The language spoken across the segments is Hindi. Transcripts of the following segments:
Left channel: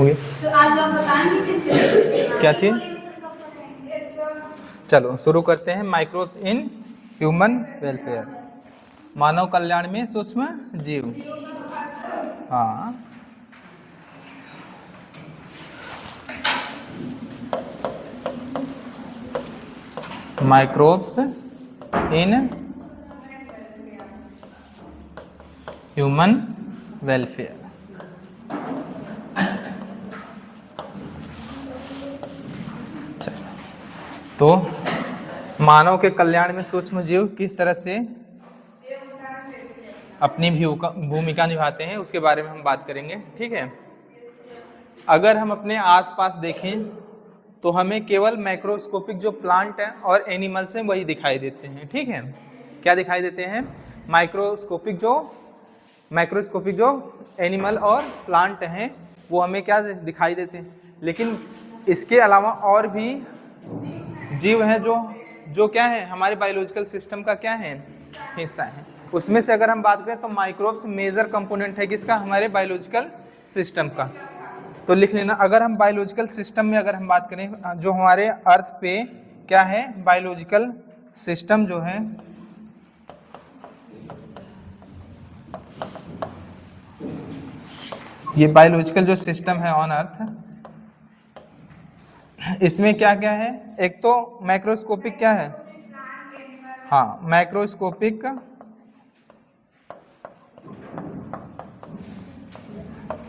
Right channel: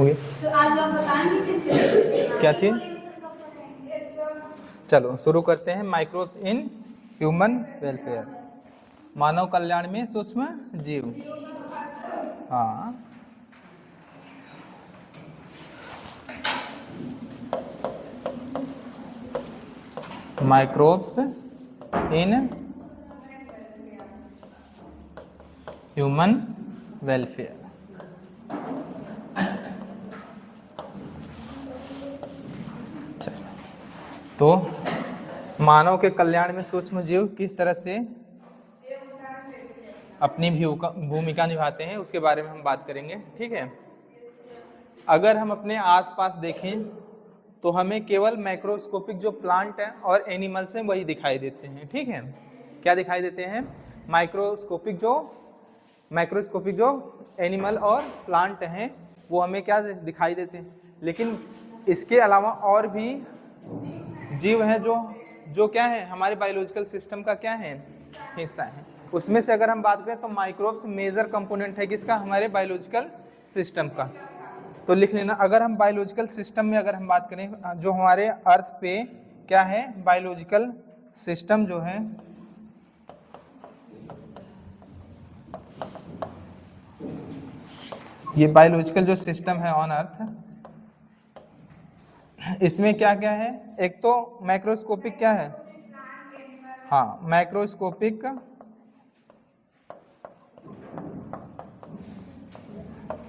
तो आज आप बताएंगे क्या चीज? चलो शुरू करते हैं। माइक्रोब्स इन ह्यूमन वेलफेयर, मानव कल्याण में सूक्ष्म जीव। हाँ, माइक्रोब्स इन ह्यूमन वेलफेयर। तो मानव के कल्याण में सूक्ष्म जीव किस तरह से अपनी भूमिका निभाते हैं उसके बारे में हम बात करेंगे। ठीक है, अगर हम अपने आसपास देखें तो हमें केवल माइक्रोस्कोपिक जो प्लांट है और एनिमल्स हैं वही दिखाई देते हैं। ठीक है, क्या दिखाई देते हैं? माइक्रोस्कोपिक जो एनिमल और प्लांट हैं वो हमें क्या दिखाई देते हैं। लेकिन इसके अलावा और भी जीव हैं जो क्या है, हमारे बायोलॉजिकल सिस्टम का क्या है, हिस्सा है। उसमें से अगर हम बात करें तो माइक्रोब्स मेजर कंपोनेंट है किसका, हमारे बायोलॉजिकल सिस्टम का। तो लिख लेना, अगर हम बायोलॉजिकल सिस्टम में अगर हम बात करें, जो हमारे अर्थ पे क्या है, बायोलॉजिकल सिस्टम जो है ये बायोलॉजिकल जो सिस्टम है ऑन अर्थ, इसमें क्या क्या है? एक तो माइक्रोस्कोपिक क्या है, हाँ माइक्रोस्कोपिक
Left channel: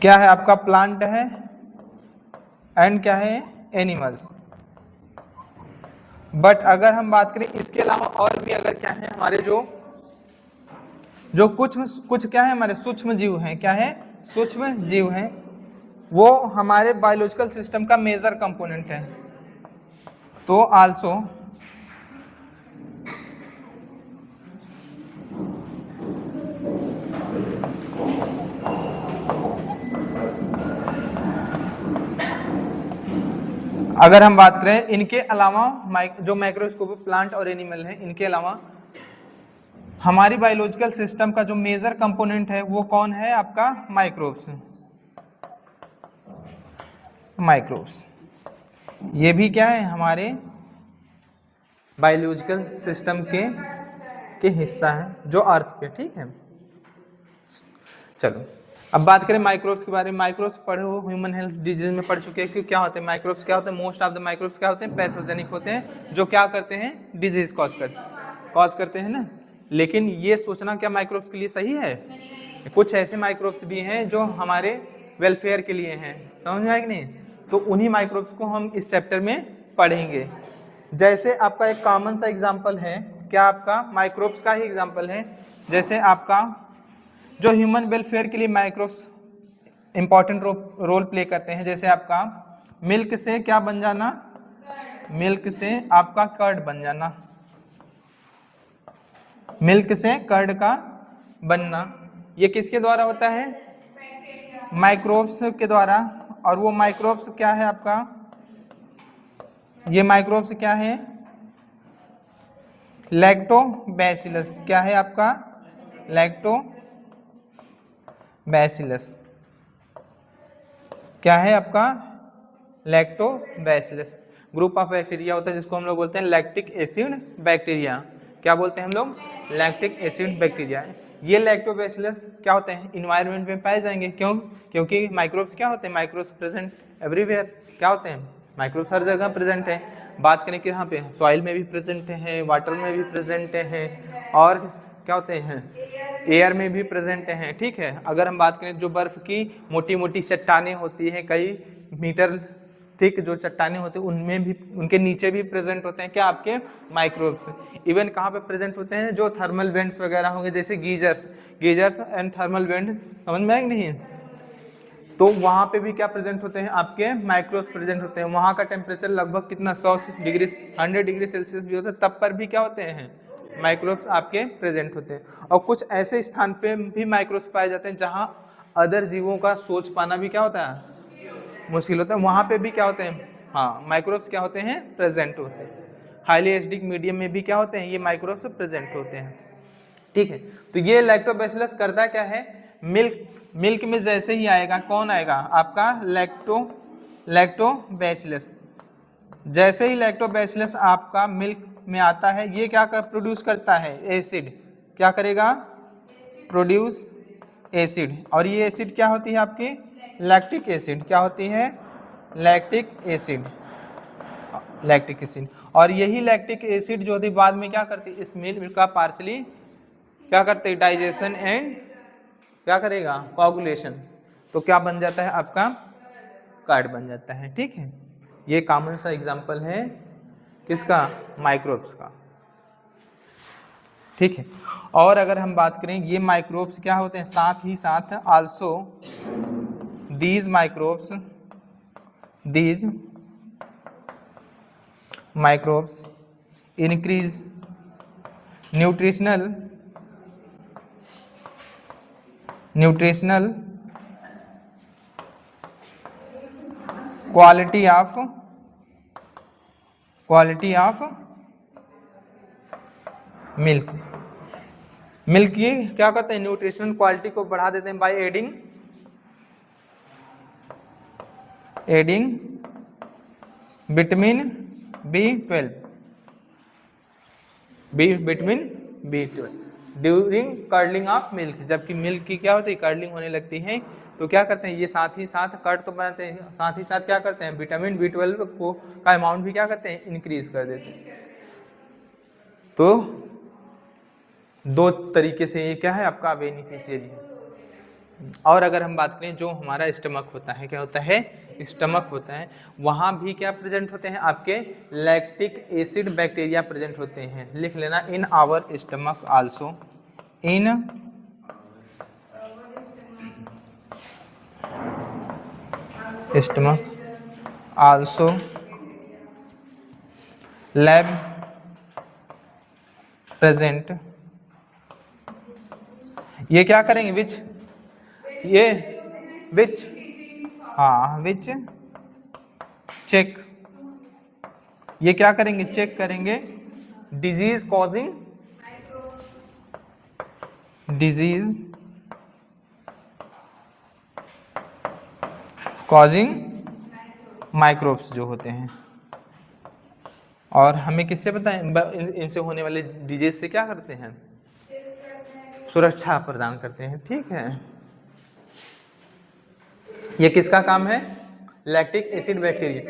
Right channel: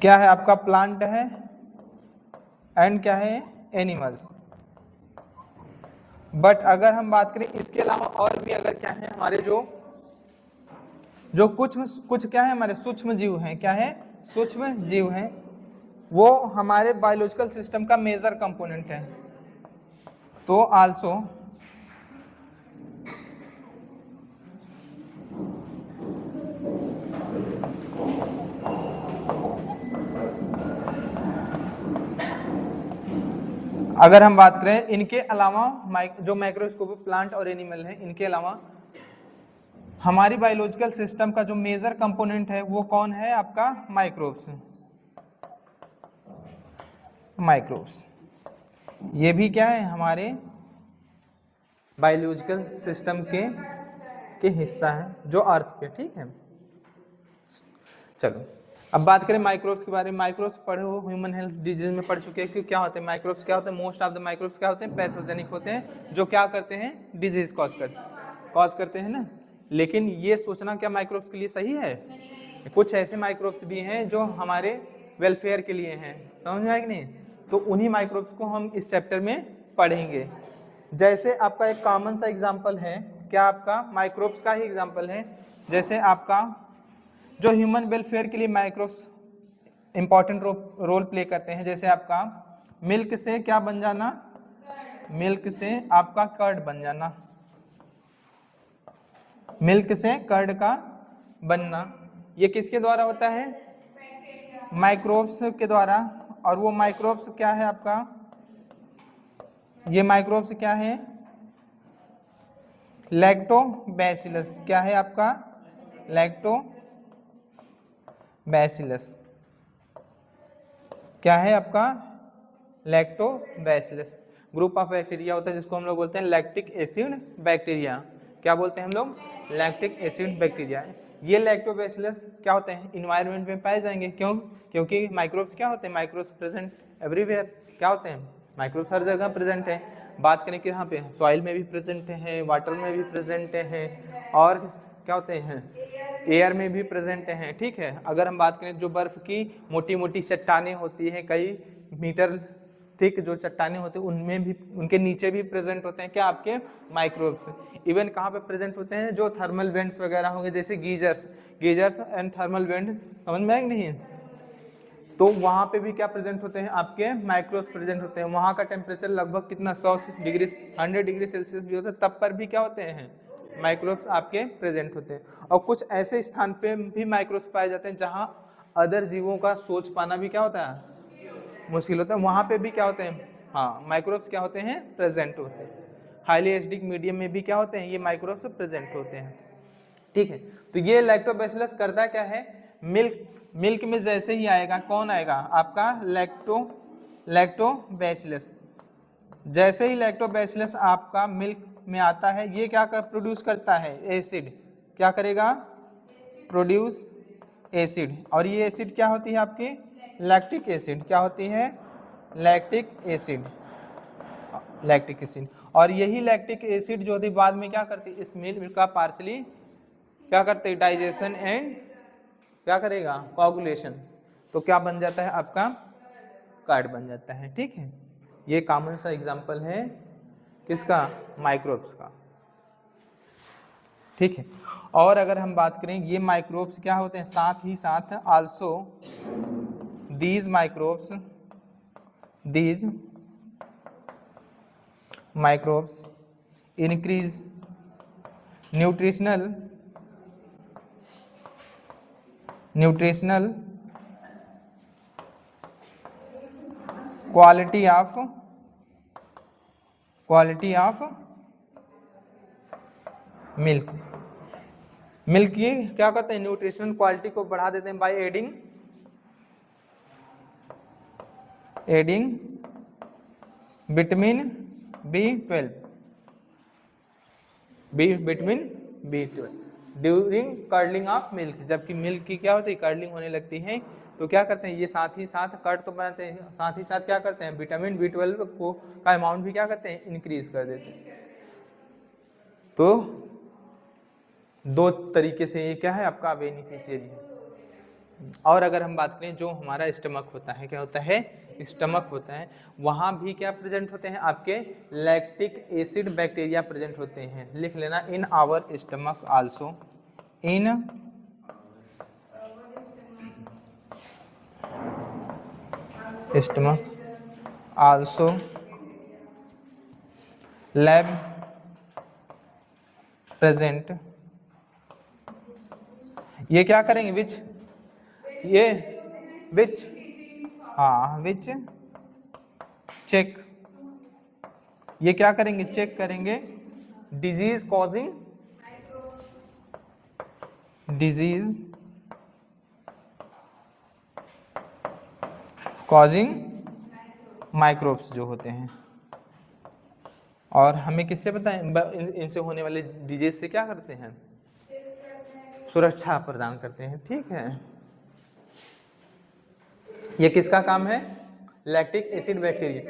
क्या है आपका, प्लांट है, एंड क्या है, एनिमल्स। बट अगर हम बात करें इसके अलावा और भी अगर क्या है, हमारे जो कुछ क्या है, हमारे सूक्ष्म जीव हैं, क्या है, सूक्ष्म जीव हैं, वो हमारे बायोलॉजिकल सिस्टम का मेजर कंपोनेंट है। तो आल्सो अगर हम बात करें इनके अलावा जो माइक्रोस्कोपिक प्लांट और एनिमल हैं, इनके अलावा हमारी बायोलॉजिकल सिस्टम का जो मेजर कंपोनेंट है वो कौन है आपका, माइक्रोब्स। ये भी क्या है, हमारे बायोलॉजिकल सिस्टम के हिस्सा है जो अर्थ पे। ठीक है, चलो अब बात करें माइक्रोब्स के बारे में। माइक्रोब्स पढ़े हो, ह्यूमन हेल्थ डिजीज में पढ़ चुके हैं कि क्या होते हैं माइक्रोब्स, क्या होते हैं, मोस्ट ऑफ द माइक्रोब्स क्या होते हैं, पैथोजेनिक होते हैं, जो क्या करते हैं, डिजीज कॉज करते हैं ना। लेकिन ये सोचना क्या माइक्रोब्स के लिए सही है? कुछ ऐसे माइक्रोब्स भी हैं जो हमारे वेलफेयर के लिए हैं, समझ में आया कि नहीं? तो उन्हीं माइक्रोब्स को हम इस चैप्टर में पढ़ेंगे। जैसे आपका एक कॉमन सा एग्जाम्पल है, क्या आपका माइक्रोब्स का ही एग्जाम्पल है, जैसे आपका जो ह्यूमन वेलफेयर के लिए माइक्रोब्स इंपॉर्टेंट रोल प्ले करते हैं। जैसे आपका मिल्क से क्या बन जाना, मिल्क से आपका कर्ड बन जाना, मिल्क से कर्ड का बनना, ये किसके द्वारा होता है, माइक्रोब्स के द्वारा। और वो माइक्रोब्स क्या है आपका, ये माइक्रोब्स क्या है, लैक्टोबैसिलस, क्या है आपका, लैक्टोबैसिलस, क्या है आपका, लैक्टोबैसिलस। ग्रुप ऑफ बैक्टीरिया होता है जिसको हम लोग बोलते हैं लैक्टिक एसिड बैक्टीरिया। क्या बोलते हैं हम लोग, लैक्टिक एसिड बैक्टीरिया। ये लैक्टोबैसिलस क्या होते हैं, इन्वायरमेंट में पाए जाएंगे। क्यों? क्योंकि माइक्रोब्स क्या होते हैं, माइक्रोब्स प्रेजेंट एवरीवेयर। क्या होते हैं, माइक्रोब्स हर जगह प्रेजेंट है। बात करें कि यहाँ पे सॉइल में भी प्रेजेंट है, वाटर में भी प्रेजेंट है, और क्या होते हैं, एयर में भी प्रेजेंट हैं। ठीक है, अगर हम बात करें जो बर्फ की मोटी मोटी चट्टानें होती हैं, कई मीटर थिक जो चट्टानें होते हैं, उनमें भी, उनके नीचे भी प्रेजेंट होते हैं क्या, आपके माइक्रोब्स। इवन कहाँ पे प्रेजेंट होते हैं, जो थर्मल वेंट्स वगैरह होंगे, जैसे गीजर्स एंड थर्मल वेंट, समझ में आएगी नहीं? तो वहाँ पे भी क्या प्रेजेंट होते हैं, आपके माइक्रोब्स प्रेजेंट होते हैं। वहाँ का टेम्परेचर लगभग कितना, 100 डिग्री 100 डिग्री सेल्सियस भी होता है, तब पर भी क्या होते हैं, माइक्रोब्स आपके प्रेजेंट होते हैं। और कुछ ऐसे स्थान पे भी माइक्रोब्स पाए जाते हैं जहाँ अदर जीवों का सोच पाना भी क्या होता है, मुश्किल होता है। वहाँ पे भी क्या होते हैं, हाँ माइक्रोब्स क्या होते हैं, प्रेजेंट होते हैं। हाईली एसिडिक मीडियम में भी क्या होते हैं, ये माइक्रोब्स प्रेजेंट होते हैं। ठीक है, तो ये लैक्टोबैसिलस करता क्या है, मिल्क मिल्क में जैसे ही आएगा कौन आएगा आपका लैक्टोबैसिलस। जैसे ही लैक्टोबैसिलस आपका मिल्क में आता है ये क्या कर प्रोड्यूस करता है एसिड, क्या करेगा प्रोड्यूस एसिड, और ये एसिड क्या होती है आपकी लैक्टिक एसिड, क्या होती है लैक्टिक एसिड, लैक्टिक एसिड। और यही लैक्टिक एसिड जो होती है बाद में क्या करती है इस मिल्क का पार्सली क्या करते हैं डाइजेशन एंड क्या करेगा कोगुलेशन, तो क्या बन जाता है आपका कर्ड बन जाता है। ठीक है, ये कॉमन सा एग्जांपल है किसका माइक्रोब्स का। ठीक है, और अगर हम बात करें ये माइक्रोब्स क्या होते हैं साथ ही साथ also these microbes increase nutritional quality of milk की क्या करते हैं न्यूट्रिशनल क्वालिटी को बढ़ा देते हैं by adding vitamin B12 during curling of milk. जबकि मिल्क की क्या होती है कर्लिंग होने लगती है तो क्या करते हैं ये साथ ही साथ कर्ड तो बनाते हैं, साथ ही साथ क्या करते हैं विटामिन B12 को का अमाउंट भी क्या करते हैं इंक्रीज कर देते हैं। तो दो तरीके से ये क्या है आपका बेनिफिशियरी। और अगर हम बात करें जो हमारा स्टमक होता है क्या होता है स्टमक होता है वहाँ भी क्या प्रेजेंट होते हैं आपके लैक्टिक एसिड बैक्टीरिया प्रेजेंट होते हैं। लिख लेना in our stomach also in stomach also lab present. ये क्या करेंगे विच चेक, ये क्या करेंगे चेक करेंगे डिजीज कॉजिंग माइक्रोब्स जो होते हैं। और हमें किससे पता है इनसे होने वाले डिजीज से क्या करते हैं सुरक्षा प्रदान करते हैं। ठीक है, ये किसका काम है लैक्टिक एसिड बैक्टीरिया।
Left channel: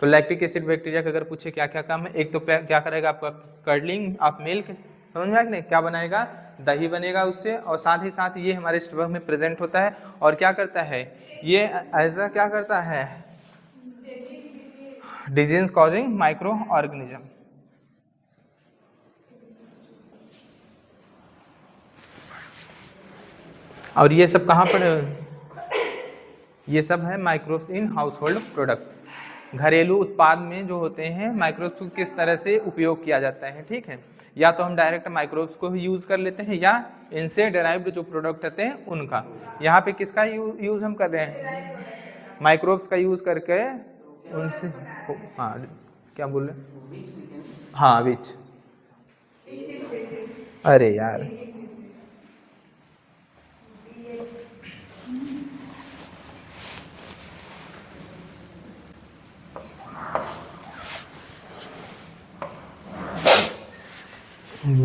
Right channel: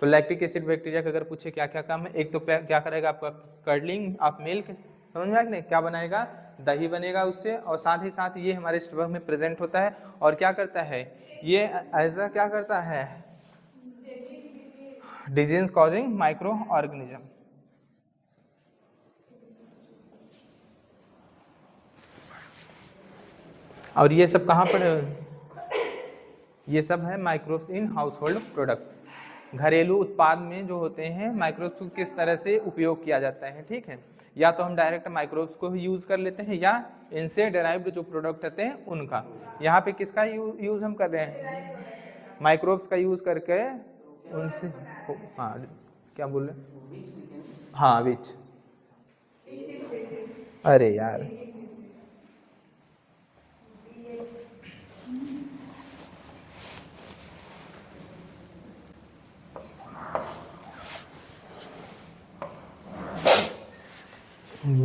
तो लैक्टिक एसिड बैक्टीरिया का अगर पूछे क्या क्या काम है, एक तो क्या करेगा आपका कर्लिंग ऑफ मिल्क, समझ में आया कि नहीं, क्या बनाएगा दही बनेगा उससे, और साथ ही साथ ये हमारे स्टमक में प्रेजेंट होता है और क्या करता है ये ऐसा क्या करता है डिजीज कॉजिंग माइक्रो ऑर्गेनिज्म। और ये सब कहाँ पर ये सब है microbes in house hold product. घरेलू उत्पाद में जो होते हैं माइक्रोब्स को किस तरह से उपयोग किया जाता है। ठीक है, या तो हम डायरेक्ट माइक्रोब्स को ही यूज़ कर लेते हैं या इनसे डेराइव्ड जो प्रोडक्ट होते हैं उनका। यहाँ पे किसका यूज़ हम कर रहे हैं माइक्रोब्स का यूज़ करके उनसे। हाँ क्या बोल रहे हाँ विच अरे यार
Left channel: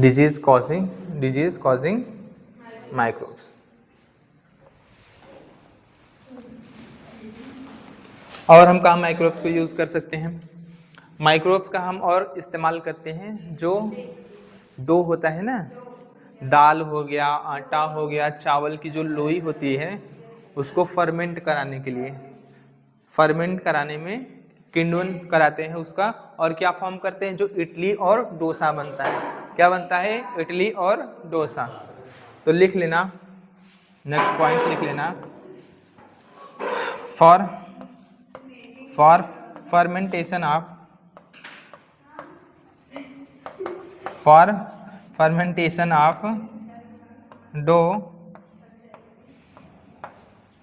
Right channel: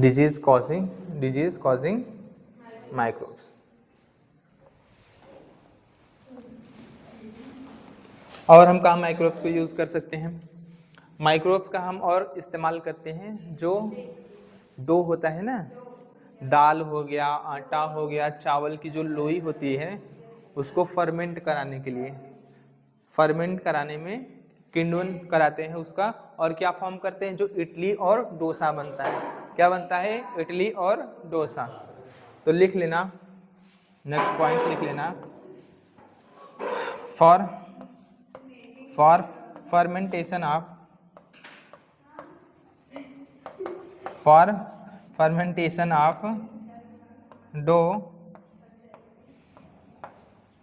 डिजीज कॉजिंग माइक्रोब्स। और हम कहाँ माइक्रोब्स को यूज़ कर सकते हैं, माइक्रोब्स का हम और इस्तेमाल करते हैं जो डो होता है ना, दाल हो गया आटा हो गया चावल की जो लोई होती है उसको फर्मेंट कराने के लिए, फर्मेंट कराने में किण्वन कराते हैं उसका, और क्या फॉर्म करते हैं जो इडली और डोसा बनता है। क्या बनता है इडली और डोसा। तो लिख लेना नेक्स्ट पॉइंट लिख लेना for fermentation of dough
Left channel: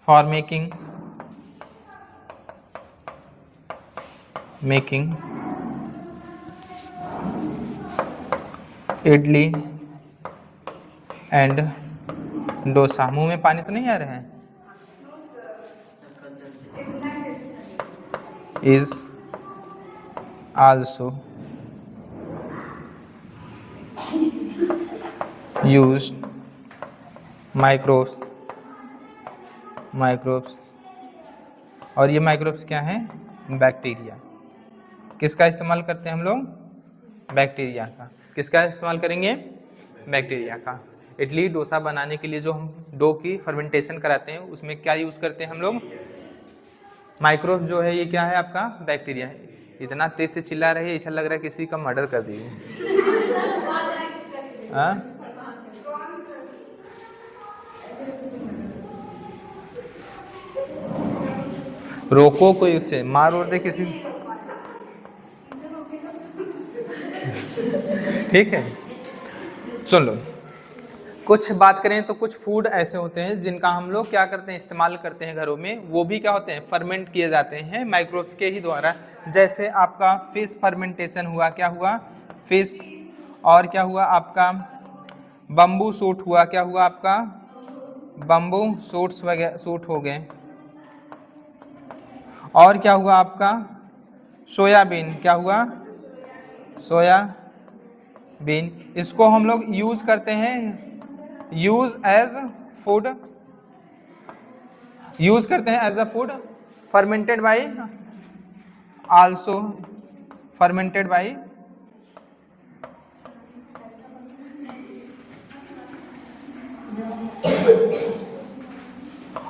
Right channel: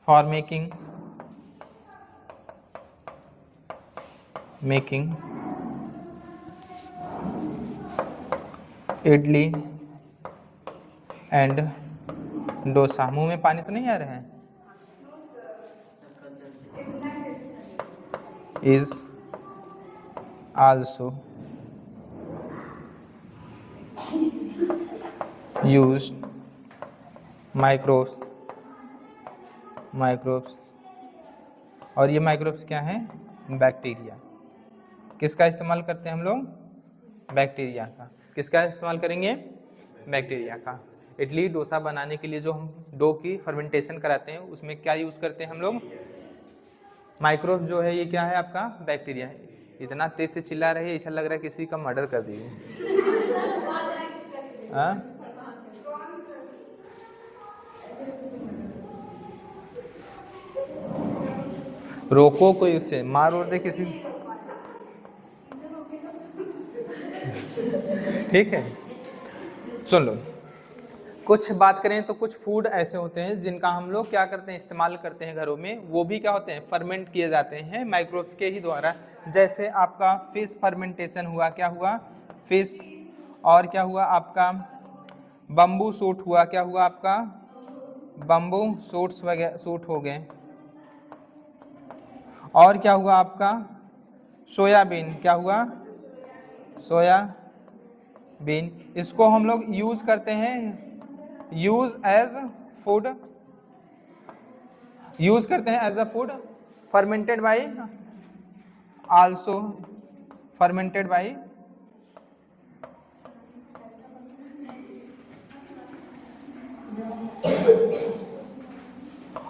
for making idli and dosa. मुंह में पानी तो नहीं आ रहा है? Is also used microbes. और ये माइक्रोब्स क्या हैं? बैक्टीरिया। किसका इस्तेमाल करते हैं हम लोग? बैक्टीरिया का। किसका इस्तेमाल करेंगे? बैक्टीरिया का। इडली डोसा बनाने के लिए जो हम डो की फर्मेंटेशन कराते हैं उसमें क्या यूज़ करते हैं हम लोग? माइक्रोब जो है ये क्या है आपका? बैक्टीरिया है। इतना तेज से चिल्ला रहे हैं ऐसा लग रहा है किसी का मर्डर कर दिए। हाँ? रोको कोई, उससे मार और दे किसी। ठीक है, सुन लो। कुछ बात करें तो कुछ फूड ऐसे होते हैं जिनका हम लोग क्या करते हैं? इस्तेमाल करते हैं घरों में। वो भी क्या होते हैं? फर्मेंट किए जाते हैं माइक्रोब्स के ही द्वारा। जैसे आपका फिश फर्मेंटेशन हुआ। क्या हुआ? फिश। और क्या हुआ आपका? बम्बू सूट हुआ। क्या हुआ आपका? बम्बू सूट्स वगैरह सूट हो गए। और क्या हुआ आपका? सोयाबीन। क्या हुआ? सोयाबीन। इसको हम लोग यूज करते हैं, यूज एज फूड, यूज करते हैं as a food. Fermented by, also fermented by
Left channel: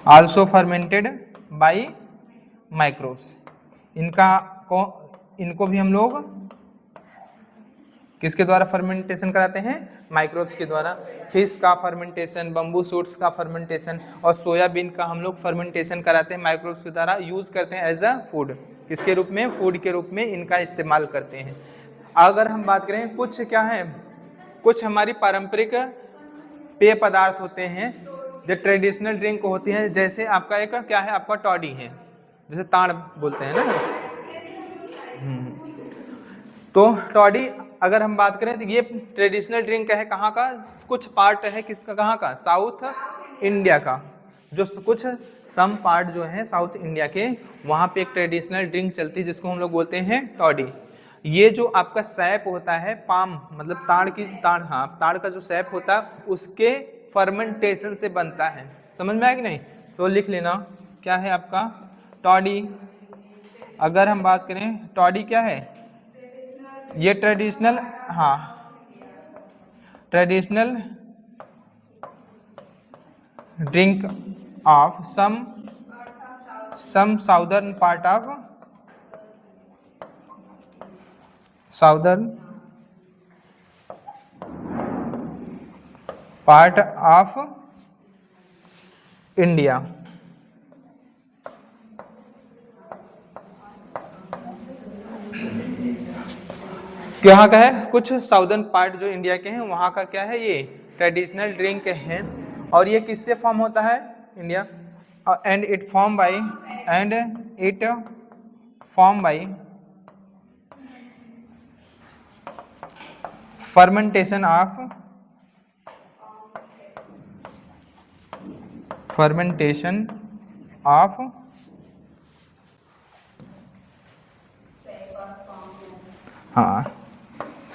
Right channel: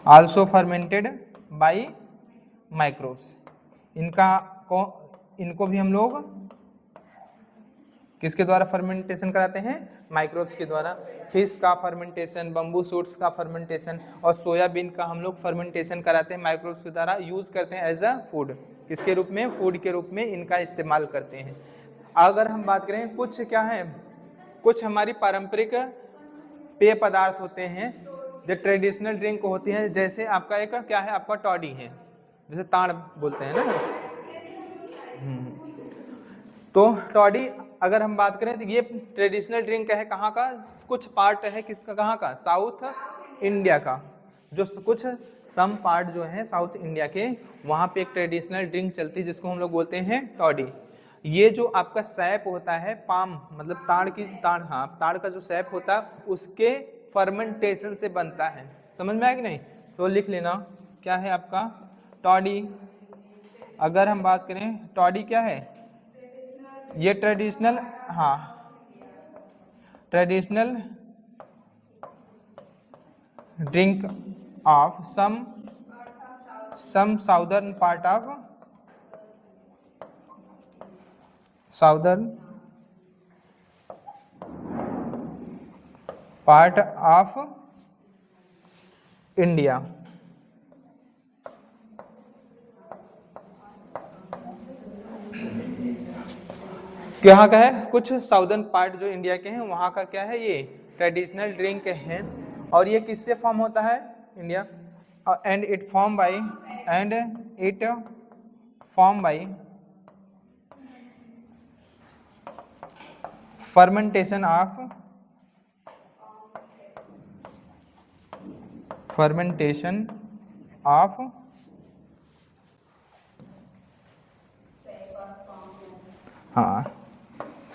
also fermented by microbes. इनको भी हम लोग किसके द्वारा फर्मेंटेशन कराते हैं? माइक्रोब्स के द्वारा। फिश का फर्मेंटेशन, बम्बू सूट्स का फर्मेंटेशन और सोयाबीन का हम लोग फर्मेंटेशन कराते हैं माइक्रोब्स के द्वारा। यूज करते हैं एज अ फूड। किसके रूप में? फूड के रूप में इनका इस्तेमाल करते हैं। अगर हम बात करें कुछ क्या है, कुछ हमारी पारंपरिक पेय पदार्थ होते हैं जो ट्रेडिशनल ड्रिंक होती हैं। जैसे आपका एक क्या है? आपका टॉडी है, जैसे ताड़ बोलते हैं ना। तो टॉडी अगर हम बात करें तो ये ट्रेडिशनल ड्रिंक है कहाँ का? कुछ पार्ट है किसका? कहाँ का? साउथ इंडिया का। जो कुछ सम पार्ट जो है साउथ इंडिया के, वहाँ पे एक ट्रेडिशनल ड्रिंक चलती है जिसको हम लोग बोलते हैं टॉडी। ये जो आपका सैप होता है, पाम मतलब ताड़ का जो सैप होता है उसके फर्मेंटेशन से बनता है। समझ में आया कि नहीं? तो लिख लेना क्या है आपका? टॉडी। अगर हम बात करें टॉडी क्या है? ये ट्रेडिशनल, हाँ, traditional drink of some southern part of India. यहाँ का है? कुछ साउदर्न पार्ट जो इंडिया के हैं वहाँ का क्या है? ये ट्रेडिशनल ड्रिंक है। और ये किससे फॉर्म होता है? India. And it form by fermentation of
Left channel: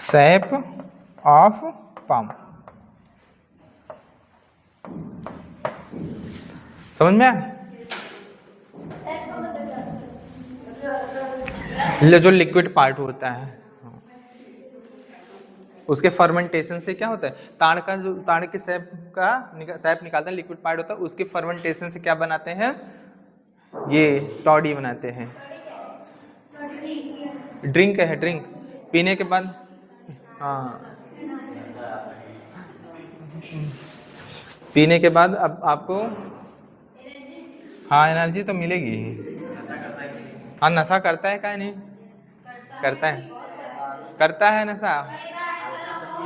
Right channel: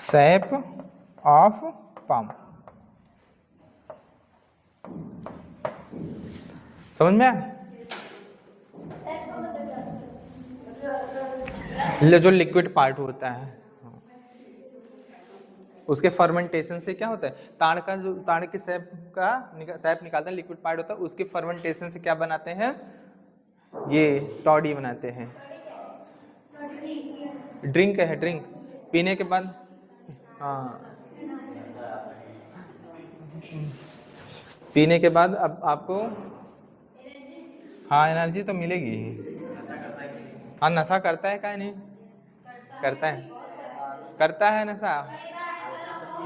SAP of palm. समझ में आया? जो लिक्विड पार्ट होता है उसके फर्मेंटेशन से क्या होता है? ताड़ के सैप निकालते हैं, लिक्विड पार्ट होता है, उसके फर्मेंटेशन से क्या बनाते हैं? ये टॉडी बनाते हैं। ड्रिंक है, ड्रिंक पीने के बाद, हाँ, पीने के बाद अब आपको हाँ एनर्जी तो मिलेगी। हाँ, नशा करता है क्या? नहीं करता है नशा।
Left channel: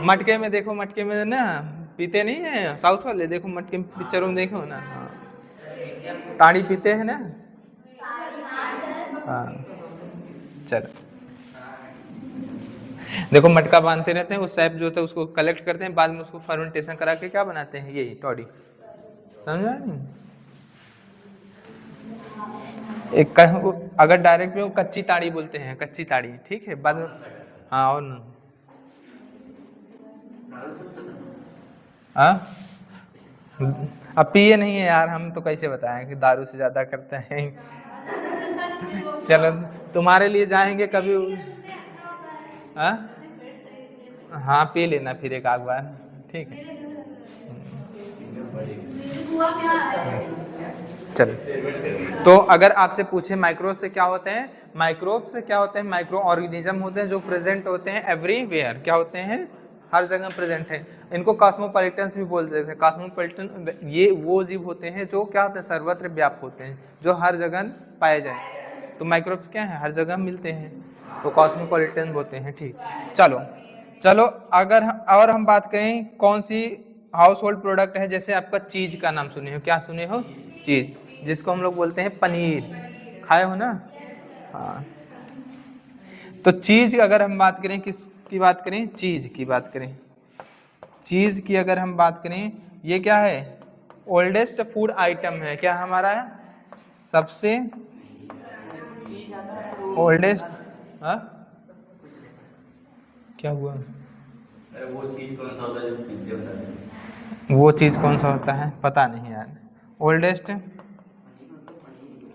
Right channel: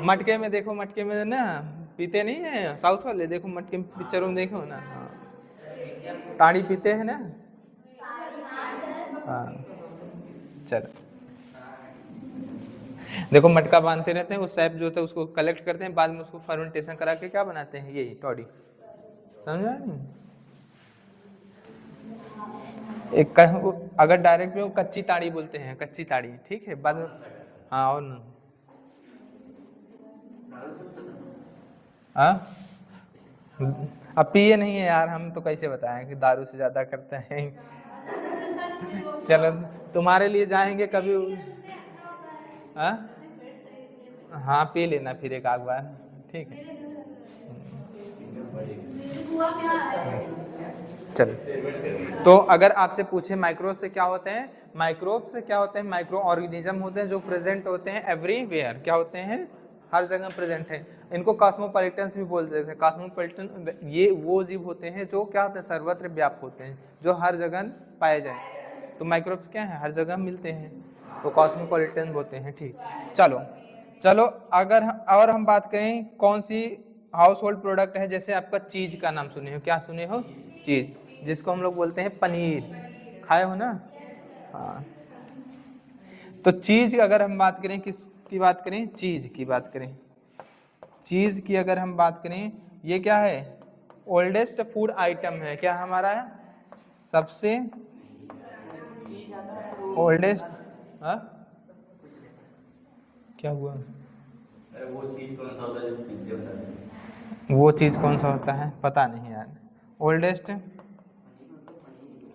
मटके में देखो, मटके में ना पीते नहीं है साउथ वाले, देखो मटके में पिक्चरों में देखो ना। हाँ, ताड़ी पीते हैं ना। हाँ, चलो देखो मटका बांधते रहते हैं, वो सैप जो होता है उसको कलेक्ट करते हैं, बाद में उसको फर्मेंटेशन करा के क्या बनाते हैं? ये टॉडी। समझा नहीं? अगर डायरेक्ट में वो कच्ची ताड़ी बोलते हैं, कच्ची ताड़ी, ठीक है, बाद में। हाँ और ना, हाँ अब पिए नहीं है यार, हम तो कैसे बताएं कि दारू से ज्यादा करते हैं। चलो तुम्हारे लिए जाएंगे कभी। हाँ हाँ पी लेना फिर एक आध बार, ठीक है। हुआ क्या है? चलो, तो अगर आपसे पूछे माइक्रोब से क्या होते हैं, माइक्रोब से क्या होते हैं, माइक्रो ऑर्गेनिज्म होते हैं जो प्रेजेंट होते हैं एवरीवेयर, क्या होते हैं, हर जगह प्रेजेंट है। इनको कॉस्मोपॉलिटन्स भी बोलते हैं। कॉस्मोपॉलिटन ये वो जीव होते हैं जो क्या होते हैं, सर्वत्र व्याप्त होते हैं, जो हर जगह पाए जाए। तो माइक्रोब्स क्या है, हर जगह मिलते हैं, तो कॉस्मोपॉलिटन होते हैं, ठीक। चलो चलो अगर और हम बात करें कौन सी हाउस होल्ड प्रोडक्ट है, जैसे आपका चीज का नाम सुने हो, क्या सुने हो, चीज, जिसको हम लोग बोलते हैं पनीर, खाए हो ना। हाँ तो चीज अगर हम बात करें, किस की बात करें, चीज की बात करें, चीज की अगर हम बात करें, ये क्या है, ओल्डेस्ट फूड आइटम है, क्या हमारा है सबसे ओल्डेस्ट। हाँ क्या हुआ, वो चीज कौन सा होता है जो पिज्जे होता है? वो चीज कौन सा होता है पता नहीं यार, ओल्डेस्ट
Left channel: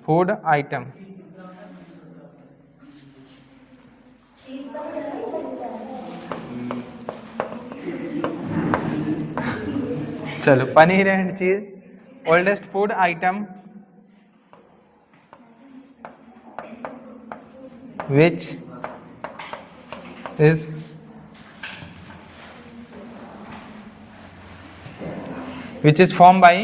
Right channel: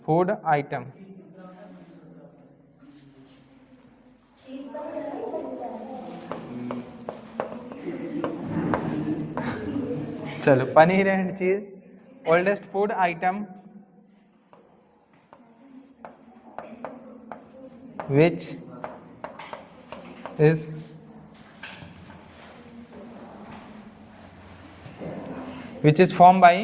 फूड आइटम। चलो पनीर एंड चीज oldest food item which is formed by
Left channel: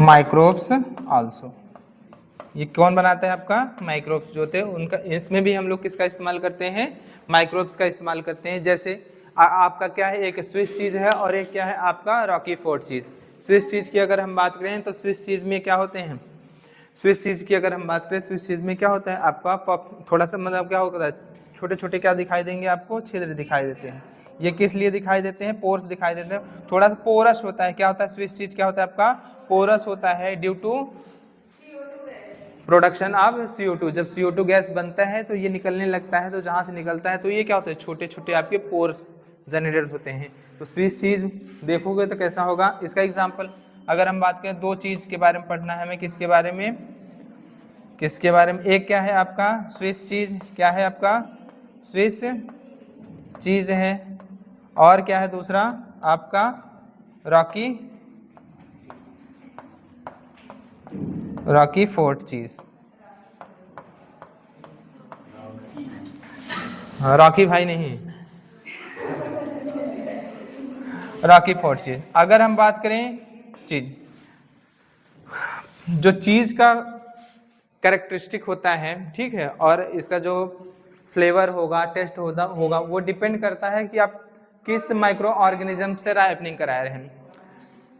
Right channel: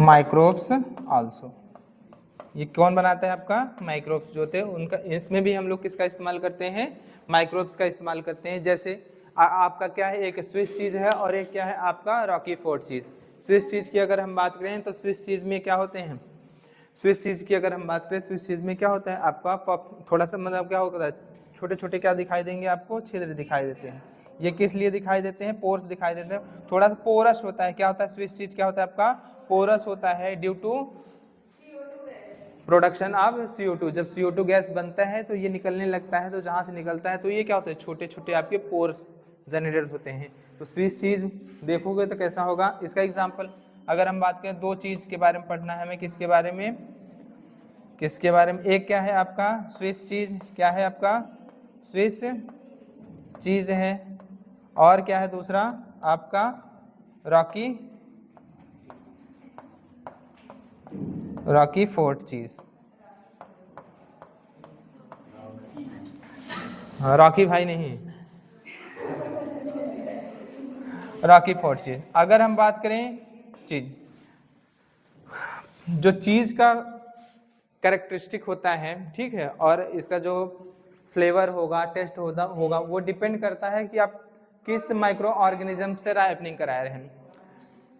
microbes also. ये कौन बनाता है आपका, माइक्रोब्स जो होते हैं उनका, इसमें भी हम लोग किसका इस्तेमाल करते हैं, माइक्रोब्स का इस्तेमाल करते हैं। जैसे आपका क्या है, एक स्विस चीज है और एक क्या है आपका रॉकी फोर्ट चीज। स्विस चीज की अगर हम बात करें तो स्विस चीज में क्या होते हैं, स्विस चीज की अगर हम बात करें, स्विस चीज में क्या होता है आपका थोड़ा सा मतलब क्या होता है, छोटे छोटे क्या दिखाई देंगे आपको, छिद्र दिखाई देते हैं। ये किस लिए दिखाई देते हैं, पोर्स दिखाई देते हैं, थोड़ा सा पोरस होता है। क्या होता है स्विस चीज, क्या होता है आपका पोरस होता है, due to production of CO2। जब CO2 गैस बनता है तो ये निकलने लगता है, तो जहाँ से निकलता है तो ये क्या होता है, छोटे छोटे आपके पोर्स जनरेट होते हैं। तो स्विस चीज देखोगे तो कैसा होगा, इसका एग्जांपल अगर हम बात करें, दो चीज के बारे में पढ़ना है हमें, किसके बारे में, किसके बारे में, एक क्या है आपका स्विस चीज, क्या है आपका स्विस चीज है, और क्या है दूसरा आपका रॉकी फोर्ट चीज। रॉकी भाई नहीं, रॉकी फोर्ट चीज। अगर हम बात करें चीज, जो चीज का कैरेक्टरिस्टिक होता है, ठीक है, और इसका जो फ्लेवर होगा, टेस्ट होगा, वो डिपेंड करता है कि आप किस माइक्रो ऑर्गेनिज्म से राइपनिंग करा रहे हैं।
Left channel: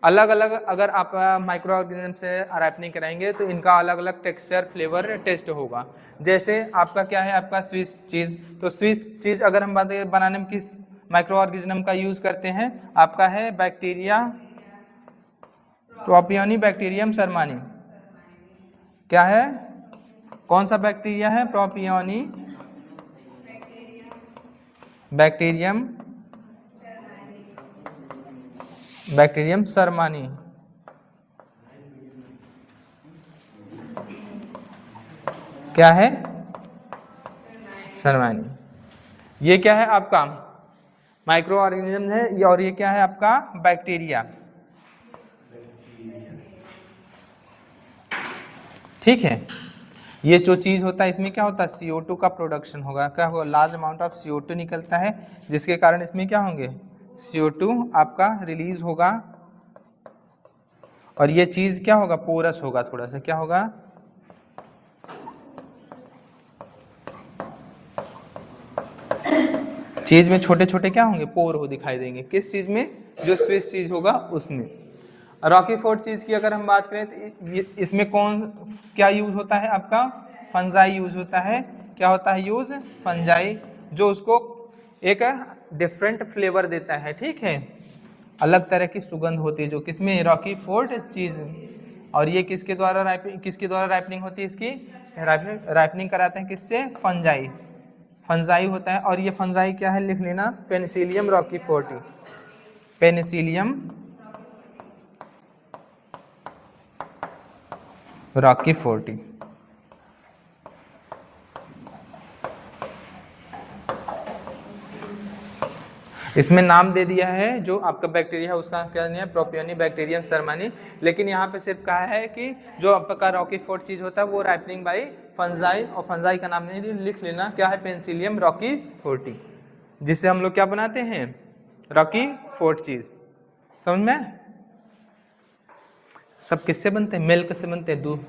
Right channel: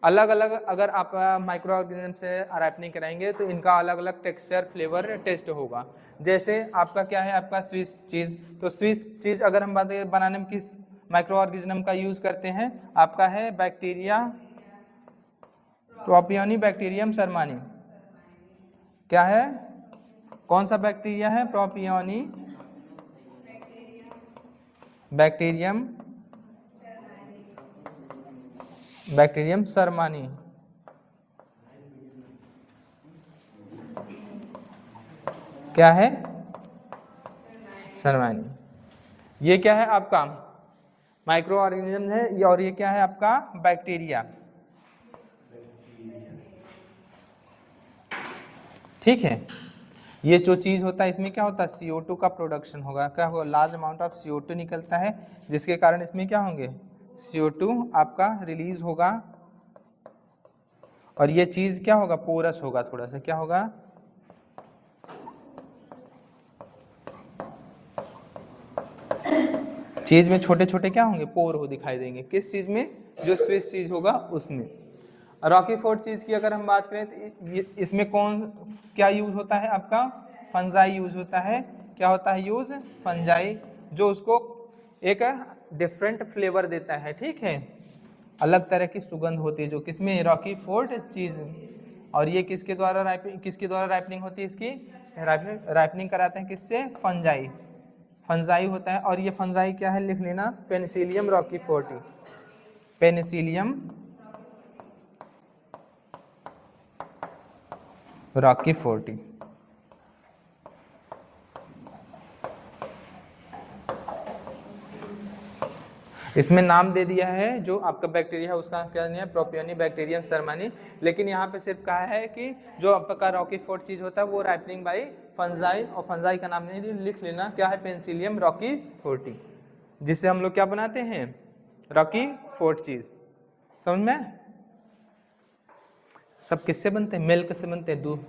अलग अलग अगर आप माइक्रो ऑर्गेनिज्म से राइपनिंग कराएंगे तो इनका अलग अलग टेक्सचर, फ्लेवर, टेस्ट होगा। जैसे आपका क्या है आपका स्विस चीज, तो स्विस चीज अगर हम बात करें बनाने में किस माइक्रो ऑर्गेनिज्म का यूज करते हैं, आपका है बैक्टीरिया प्रोपियोनिबैक्टीरियम शर्मानी। क्या है, कौन सा बैक्टीरिया है, बैक्टीरियम शर्मानी। क्या है, शर्मानी। ये क्या है आपका माइक्रो ऑर्गेनिज्म है, और ये क्या है आपका बैक्टीरिया, ठीक है। ये जो चीज होता है इसमें क्या होता है, CO2 का प्रोडक्शन होगा, क्या होगा, लार्ज अमाउंट ऑफ CO2 निकलता है, जिसके कारण इसमें क्या होंगे, CO2 आपका रिलीज होगा, और ये चीज क्या होगा, पोरस होगा, थोड़ा सा क्या होगा, चीज में छोटे छोटे क्या होंगे, पोर हो दिखाई देंगे, किस चीज में, जो स्विस चीज होगा उसमें। रॉकी फोर्ट चीज की अगर हम बात करें तो इसमें कौन क्या यूज होता है आपका, फंजाई यूज होता है, क्या होता है यूज, फंजाई, जो उसको एक डिफरेंट फ्लेवर देता है, ठीक है, अलग तरह की सुगंध होती है जो किसमें, रॉकी फोर्ट चीज। और ये किसके द्वारा राइपनिंग होती है, इसकी राइपनिंग कराते हैं किससे, फंजाई, फंजाई होता है। और ये फंजाई क्या है, लिख लेना, Penicillium Rocky forty, Penicillium Rocky forty. इसमें नाम दे दिया है जो आपका बैक्टीरिया है उसका क्या नहीं है, प्रोपियोनी बैक्टीरियम शर्मानी, लेकिन यहाँ पे सिर्फ कहा है कि जो आपका रॉकी फोर्ट चीज होता है वो राइपनिंग बाई फंजाई, और फंजाई का नाम नहीं लिख लेना क्या है, पेनिसिलियम रॉकी फोर्टी, जिससे हम लोग क्या बनाते हैं, रॉकी फोर्ट चीज। समझ में? सब किससे बनते हैं, मिल्क से बनते हैं, दूध,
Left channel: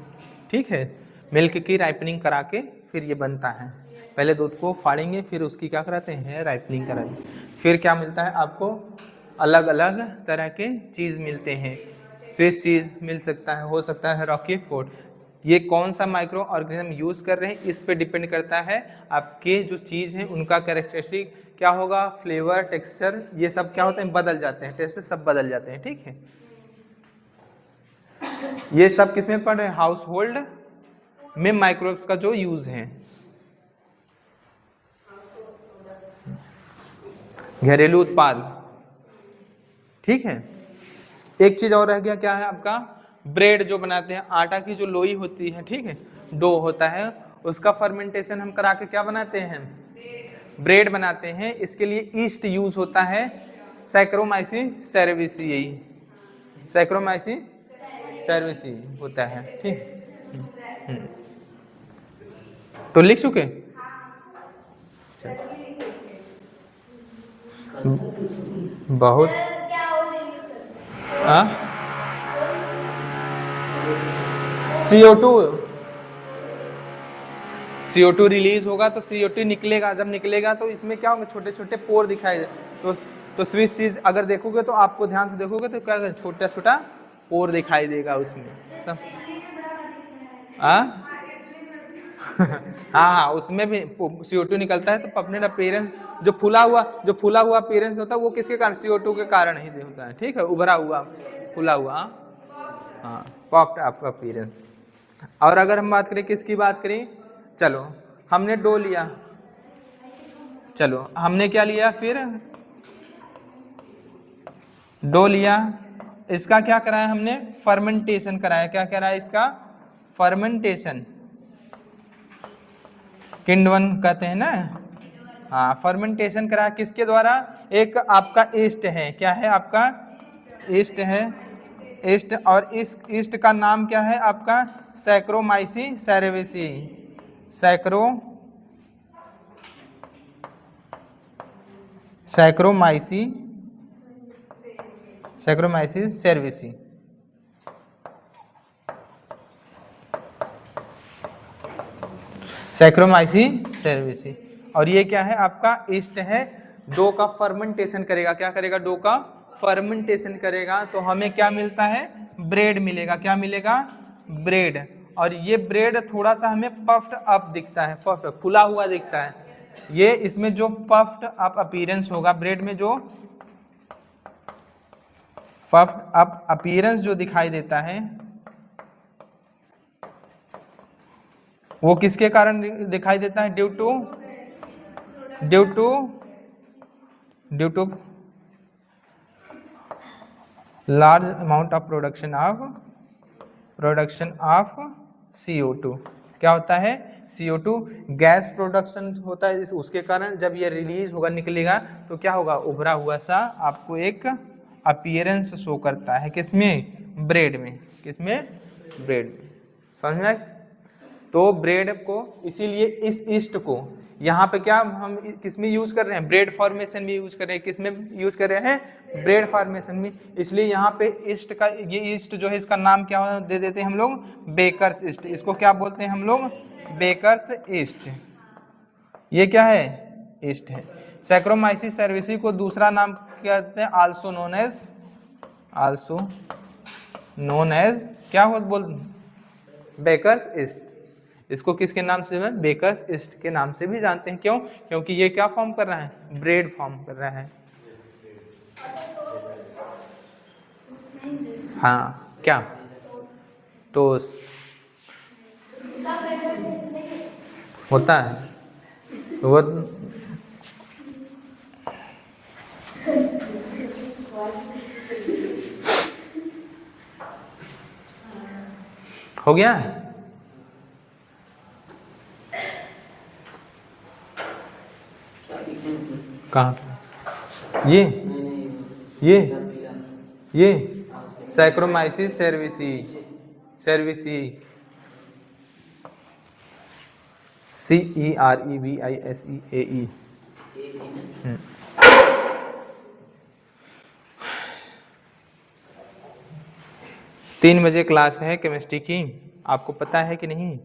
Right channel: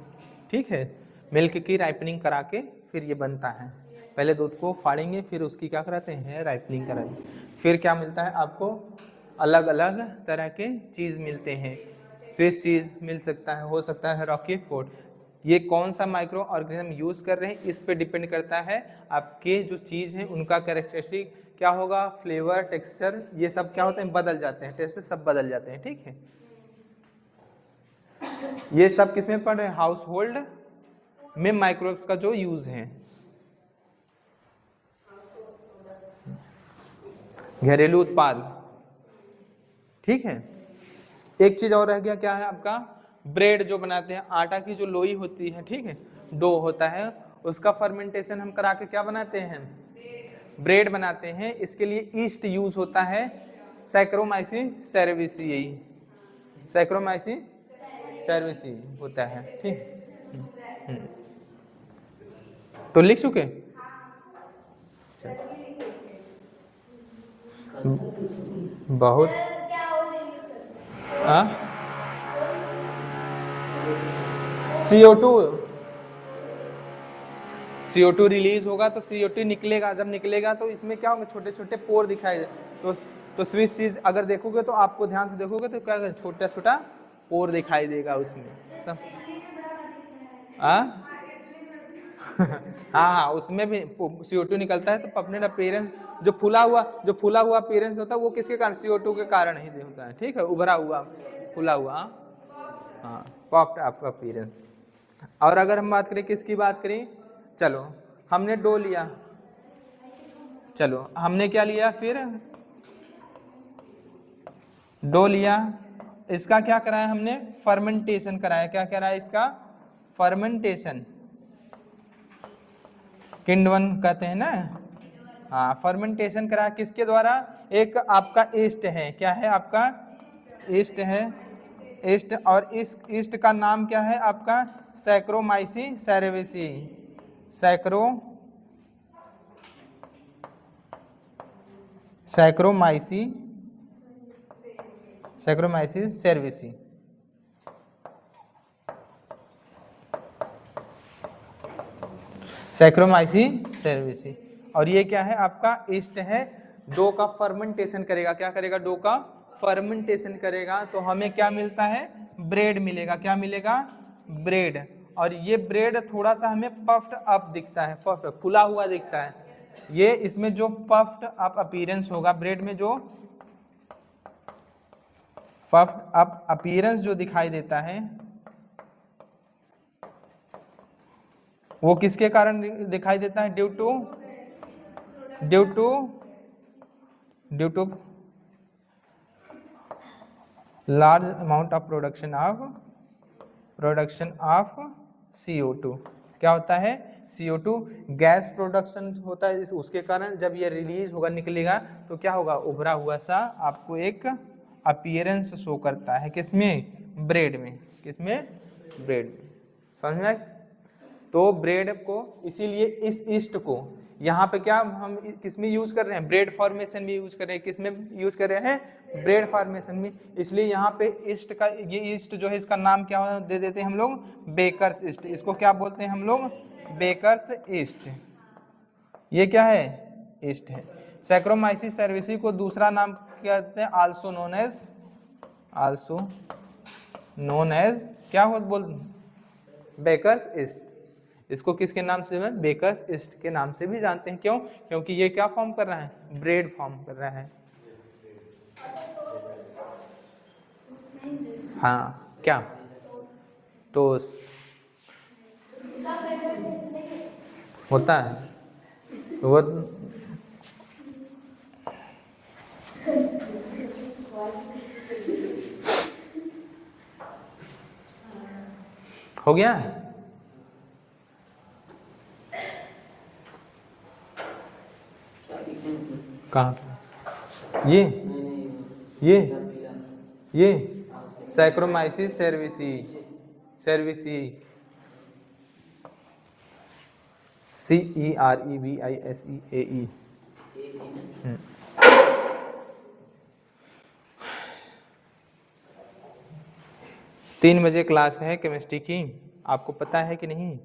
ठीक है, मिल्क की राइपनिंग करा के फिर ये बनता है। पहले दूध को फाड़ेंगे फिर उसकी क्या कराते हैं, राइपनिंग कराएंगे, फिर क्या मिलता है आपको, अलग अलग तरह के चीज़ मिलते हैं, स्विस चीज़ मिल सकता है, हो सकता है रॉकी फोर्ट। ये कौन सा माइक्रो ऑर्गेनिज्म यूज़ कर रहे हैं इस पे डिपेंड करता है, आपके जो चीज़ है उनका कैरेक्टरिस्टिक क्या होगा, फ्लेवर, टेक्सचर, ये सब क्या होते हैं, बदल जाते हैं, टेस्ट सब बदल जाते हैं, ठीक है। ये सब किसमें पढ़ रहे हैं, हाउस होल्ड में माइक्रोब्स का जो यूज है, घरेलू उत्पाद, ठीक है। एक चीज और रह गया, क्या है आपका, ब्रेड जो बनाते हैं, आटा की जो लोई होती है, ठीक है, डो होता है, उसका फर्मेंटेशन हम करा के क्या बनाते हैं, ब्रेड बनाते हैं। इसके लिए ईस्ट यूज होता है, सैक्रोमाइसिस सेरेविसियाई, सैक्रोमाइसिस सेरेविसियाई होता है, ठीक। तो लिख चुके, बहुत CO2 रिलीज होगा तो CO2 निकलेगा, जब निकलेगा तो इसमें क्या होगा, छोटे छोटे पोर दिखाई दे, तो स्विस चीज अगर देखोगे तो आपको ध्यान से देखोगे तो क्या छोटा छोटा पोर दिखाई देगा उसमें सब। हाँ, उसमें भी CO2 निकलता है, तो अपने अपीयरेंस जो फूला हुआ अपीयरेंस होता है वो किसके कारण, CO2 के कारण ही होता है, ठीक है, उभरा हुआ फूला हुआ, हाँ, पॉप्ड अप अपीयरेंस। और अगर हम बात करें किसकी बात करें, चलो हमने डो लिया, चलो हमने क्या लिया, फिर डो लिया, इसका क्या कराया हमने, फर्मेंटेशन कराया, क्या कराया इसका, फर्मेंटेशन, किण्वन कहते हैं ना, हाँ, फर्मेंटेशन करा किसके द्वारा, एक आपका ईस्ट है, क्या है आपका, ईस्ट है, ईस्ट, और इस ईस्ट का नाम क्या है आपका, saccharomyces cerevisiae, saccharomyces cerevisiae. Saccharomyces cerevisiae, और ये क्या है आपका, ईस्ट है, डो का फर्मेंटेशन करेगा, क्या करेगा, डो का फर्मेंटेशन करेगा, तो हमें क्या मिलता है, ब्रेड मिलेगा, क्या मिलेगा, ब्रेड। और ये ब्रेड थोड़ा सा हमें पफ्ड अप दिखता है, पफ्ड फुला हुआ दिखता है, ये इसमें जो पफ्ड अप अपीयरेंस होगा ब्रेड में, जो पफ्ड अप अपीयरेंस जो दिखाई देता है वो किसके कारण दिखाई देता है, due to large amount of production of CO2। क्या होता है, CO2 गैस प्रोडक्शन होता है, उसके कारण जब ये रिलीज होगा, निकलेगा, तो क्या होगा, उभरा हुआ सा आपको एक अपीयरेंस शो करता है, किसमें, ब्रेड में, किसमें, ब्रेड में। समझ में? तो ब्रेड को, इसीलिए इस ईस्ट को यहाँ पे क्या हम किसमें यूज कर रहे हैं, ब्रेड फॉर्मेशन में यूज कर रहे हैं, किसमें यूज कर रहे हैं, ब्रेड फॉर्मेशन में, इसलिए यहाँ पे ईस्ट का, ये ईस्ट जो है इसका नाम क्या दे देते हैं हम लोग, बेकर्स ईस्ट, इसको क्या बोलते हैं हम लोग, बेकर्स ईस्ट, ये क्या है, ईस्ट है। सैक्रोमाइसिस सेरेविसी को दूसरा नाम क्या कहते हैं, आल्सो नोन एज क्या बोल, बेकर्स ईस्ट। इसको किसके नाम से, बेकर्स ईस्ट के नाम से भी जानते हैं। क्यों? क्योंकि ये क्या फॉर्म कर रहा है, ब्रेड फॉर्म कर रहा है। हाँ क्या, टोस्ट होता है वो, हो गया है। कहाँ पे? ये सैक्रोमाइसिस सेर्विसी, सेर्विसी, CEREVISEAE। 3 बजे क्लास है केमिस्ट्री की, आपको पता है कि नहीं?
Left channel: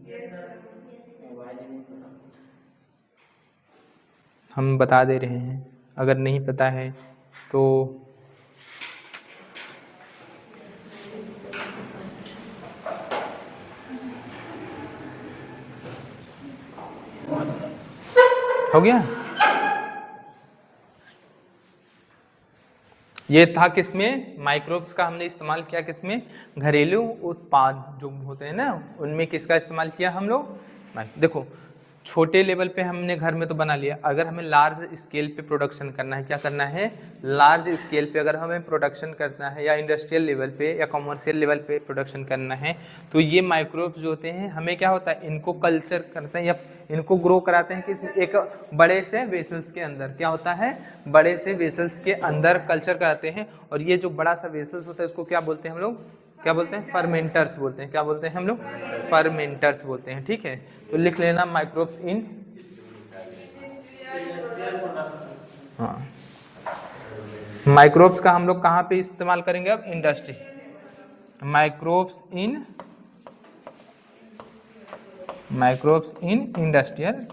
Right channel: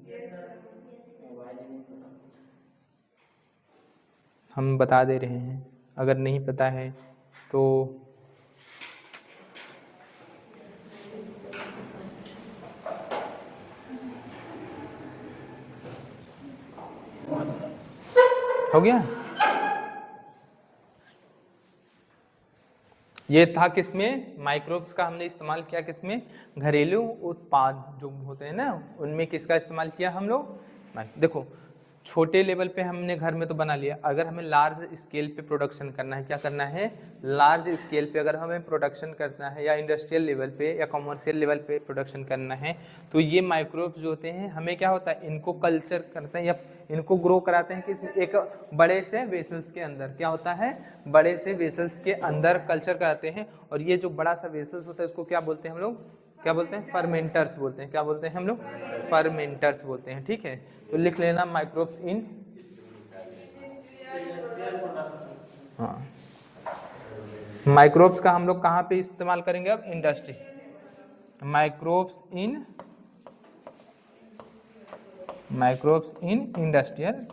हम बता दे रहे हैं, अगर नहीं पता है तो हो गया। ये था किसमें, माइक्रोब्स का हमने इस्तेमाल किया किसमें, घरेलू उत्पाद जो होते हैं ना उनमें किसका इस्तेमाल किया हम लोग। देखो छोटे लेवल पे हमने घर में तो बना लिया, अगर हमें लार्ज स्केल पे प्रोडक्शन करना है, क्या करना है, लार्ज स्केल पे अगर हमें प्रोडक्शन करना है या इंडस्ट्रियल लेवल पे या कमर्शियल लेवल पे प्रोडक्शन करना है, तो ये माइक्रोब्स जो होते हैं हमें क्या होता है, इनको कल्चर करते हैं या इनको ग्रो कराते हैं कि एक बड़े से वेसल्स के अंदर, क्या होता है, बड़े से वेसल्स के अंदर कल्चर कराते हैं। और ये जो बड़ा सा वेसल्स होता है उसको क्या बोलते हैं हम लोग, क्या बोलते हैं, फर्मेंटर्स बोलते हैं। क्या बोलते हैं हम लोग, फर्मेंटर्स बोलते हैं। ठीक है, तो लिख लेना माइक्रोब्स इन, हाँ माइक्रोब्स का हम लोग कहाँ पे इस्तेमाल करेंगे अब, industry. Microbes in industrial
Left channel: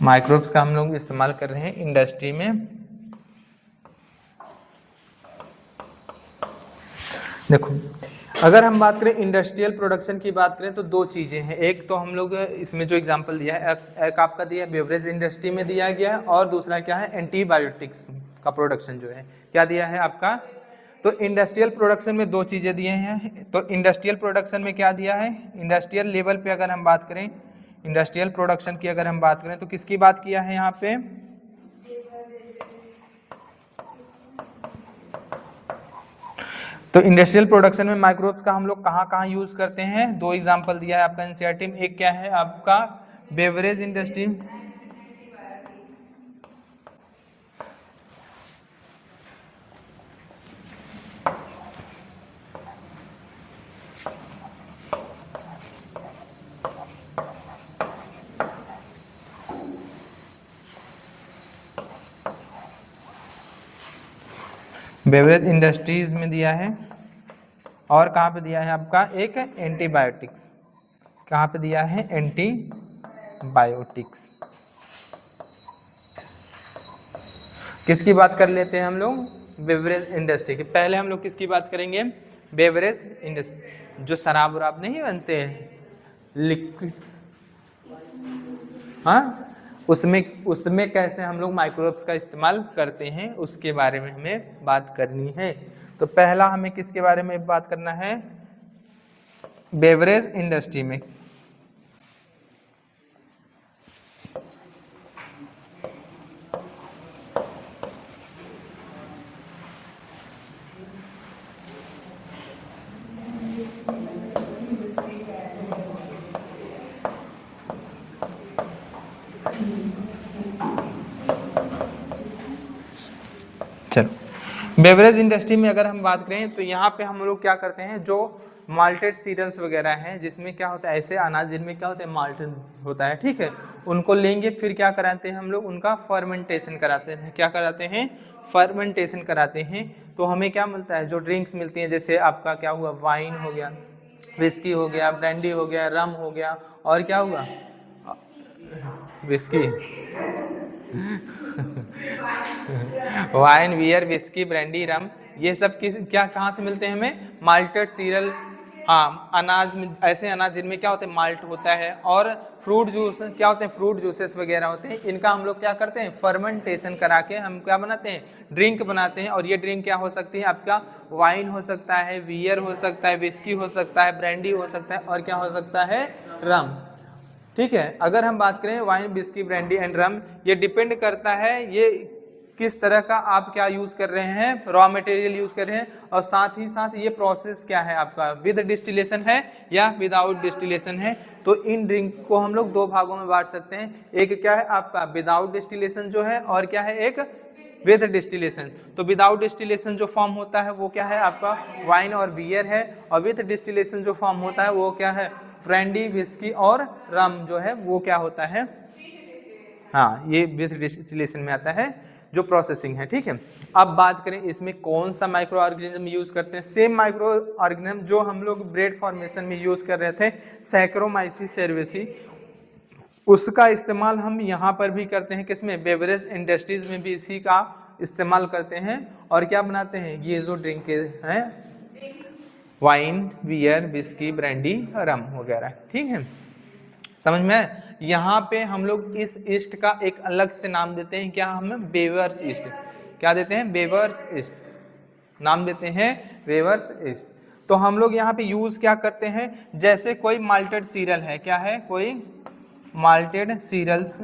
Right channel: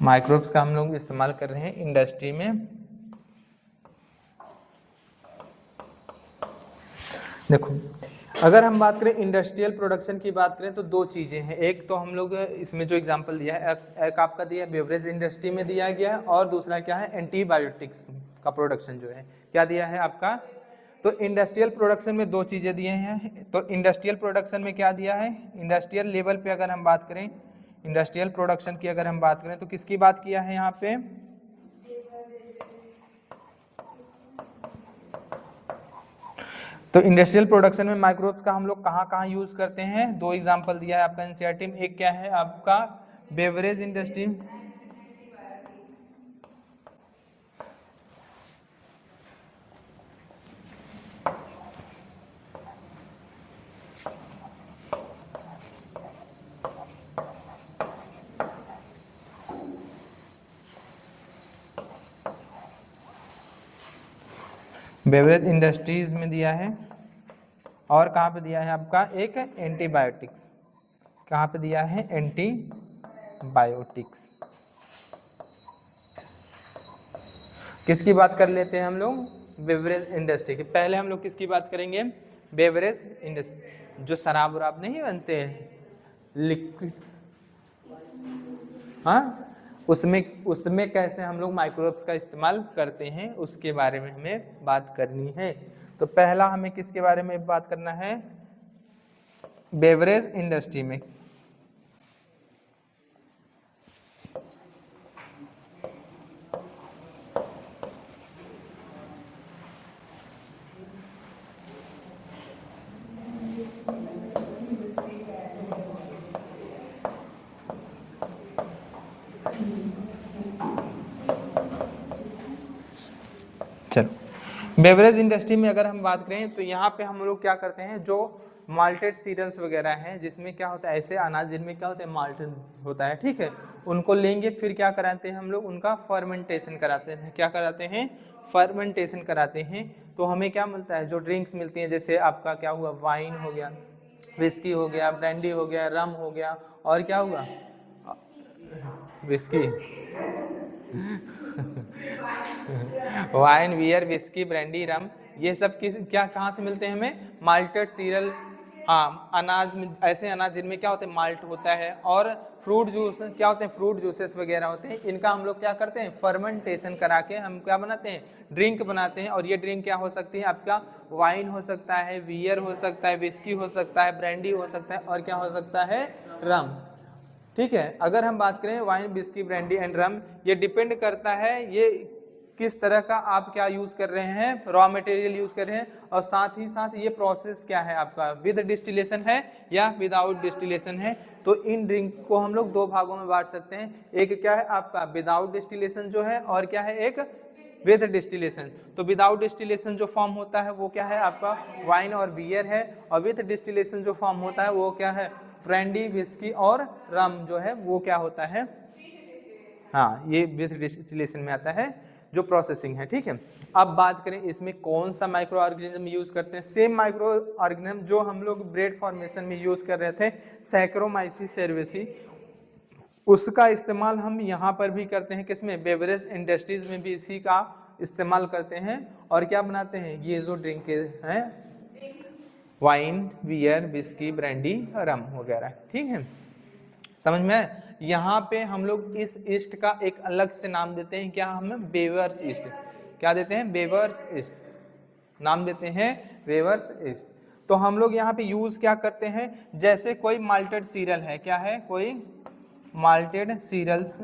microbes का हम लोग इस्तेमाल कर रहे हैं इंडस्ट्री में। देखो अगर हम बात करें इंडस्ट्रियल प्रोडक्शन की बात करें तो 2 चीज़ें हैं, एक तो हम लोग इसमें जो एग्जांपल दिया है एक आपका दिया है बेवरेज इंडस्ट्री में दिया गया है, और दूसरा क्या है, एंटीबायोटिक्स का प्रोडक्शन जो है क्या दिया है आपका। तो इंडस्ट्रियल प्रोडक्शन में 2 चीज़ें दिए हैं। तो इंडस्ट्रियल प्रोडक्शन में क्या दिया है, इंडस्ट्रियल लेवल पे अगर हम बात करें, इंडस्ट्रियल प्रोडक्शन की अगर हम बात करें तो किसकी बात किया है यहाँ पे, तो इंडस्ट्रियल प्रोडक्शन में माइक्रोब्स का हम लोग कहाँ यूज करते हैं, 2 एग्जांपल दिया है आपका एनसीईआरटी में। एक क्या है आपका बेवरेज इंडस्ट्री, बेवरेज इंडस्ट्रीज में दिया है, और कहाँ पे दिया है आपका एक एंटीबायोटिक्स, कहाँ पे दिया है, एंटीबायोटिक्स। किसकी बात कर लेते हैं हम लोग, बेवरेज इंडस्ट्री की। पहले हम लोग किसकी बात करेंगे, बेवरेज इंडस्ट्री, जो शराब वराब नहीं बनते हैं लिक्विड, हाँ उसमें कैसे हम लोग माइक्रोब्स का इस्तेमाल करते हैं उसके बारे में हमें बात करनी है। तो पहला हमें किसके बारे में बात करना है, बेवरेज इंडस्ट्री में। बेवरेज इंडस्ट्री में अगर हम बात करें तो यहाँ पे हम लोग क्या करते हैं, जो माल्टेड सीरियल्स वगैरह हैं जिसमें क्या होता है, ऐसे अनाज जिनमें क्या होता है, माल्टेड होता है, ठीक है, उनको लेंगे, फिर क्या कराते हैं हम लोग, उनका फर्मेंटेशन कराते हैं। क्या कराते हैं, फर्मेंटेशन कराते हैं। तो हमें क्या मिलता है, जो ड्रिंक्स मिलती हैं, जैसे आपका क्या हुआ, वाइन हो गया, विस्की हो गया, ब्रांडी हो गया, रम हो गया, और क्या होगा, whisky wine, beer, whisky, brandy, rum, ये सब किस क्या कहाँ से मिलते हैं हमें, माल्टेड सीरियल, हाँ अनाज में, ऐसे अनाज जिनमें क्या होते हैं, माल्ट होता है, और फ्रूट जूस क्या होते हैं, फ्रूट जूसेस वगैरह होते हैं, इनका हम लोग क्या करते हैं, फर्मेंटेशन करा के हम क्या बनाते हैं, ड्रिंक बनाते हैं। और ये ड्रिंक क्या हो सकती है, आपका वाइन हो सकता है, बियर हो सकता है, विस्की हो सकता है, ब्रांडी हो सकता है, और क्या हो सकता है, रम। ठीक है, अगर हम बात करें वाइन, विस्की, ब्रांडी एंड रम, ये डिपेंड करता है ये किस तरह का आप क्या यूज कर रहे हैं, रॉ मटेरियल यूज कर रहे हैं, और साथ ही साथ ये प्रोसेस क्या है आपका, विद डिस्टिलेशन है या विदाउट डिस्टिलेशन है। तो इन ड्रिंक को हम लोग दो भागों में बांट सकते हैं, एक क्या है आपका विदाउट डिस्टिलेशन जो है, और क्या है एक विद डिस्टिलेशन। तो विदाउट डिस्टिलेशन जो फॉर्म होता है वो क्या है आपका वाइन और बियर है, और विद डिस्टिलेशन जो फॉर्म होता है वो क्या है, ब्रांडी, विस्की और रम जो है वो क्या होता है, हाँ ये विद डिस्टिलेशन में आता है जो प्रोसेसिंग है। ठीक है, अब बात करें इसमें कौन सा माइक्रो ऑर्गेनिज्म यूज करते हैं, सेम माइक्रो ऑर्गेनिज्म जो हम लोग ब्रेड फॉर्मेशन में यूज कर रहे थे, सैक्रोमाइसिस सेरेविसी, उसका इस्तेमाल हम यहाँ पर भी करते हैं, किसमें, बेवरेज इंडस्ट्रीज में भी इसी का इस्तेमाल करते हैं। और क्या बनाते हैं, ये जो ड्रिंक हैं, वाइन, बियर, विस्की, ब्रांडी, रम वगैरह। ठीक है, समझ में। यहाँ पे हम लोग इस ईस्ट का एक अलग से नाम देते हैं, क्या हम, बेवर्स ईस्ट। क्या देते हैं, बेवर्स ईस्ट नाम देते हैं, बेवर्स ईस्ट। तो हम लोग यहाँ पे यूज क्या करते हैं, जैसे कोई माल्टेड सीरियल है, क्या है, कोई माल्टेड सीरियल्स,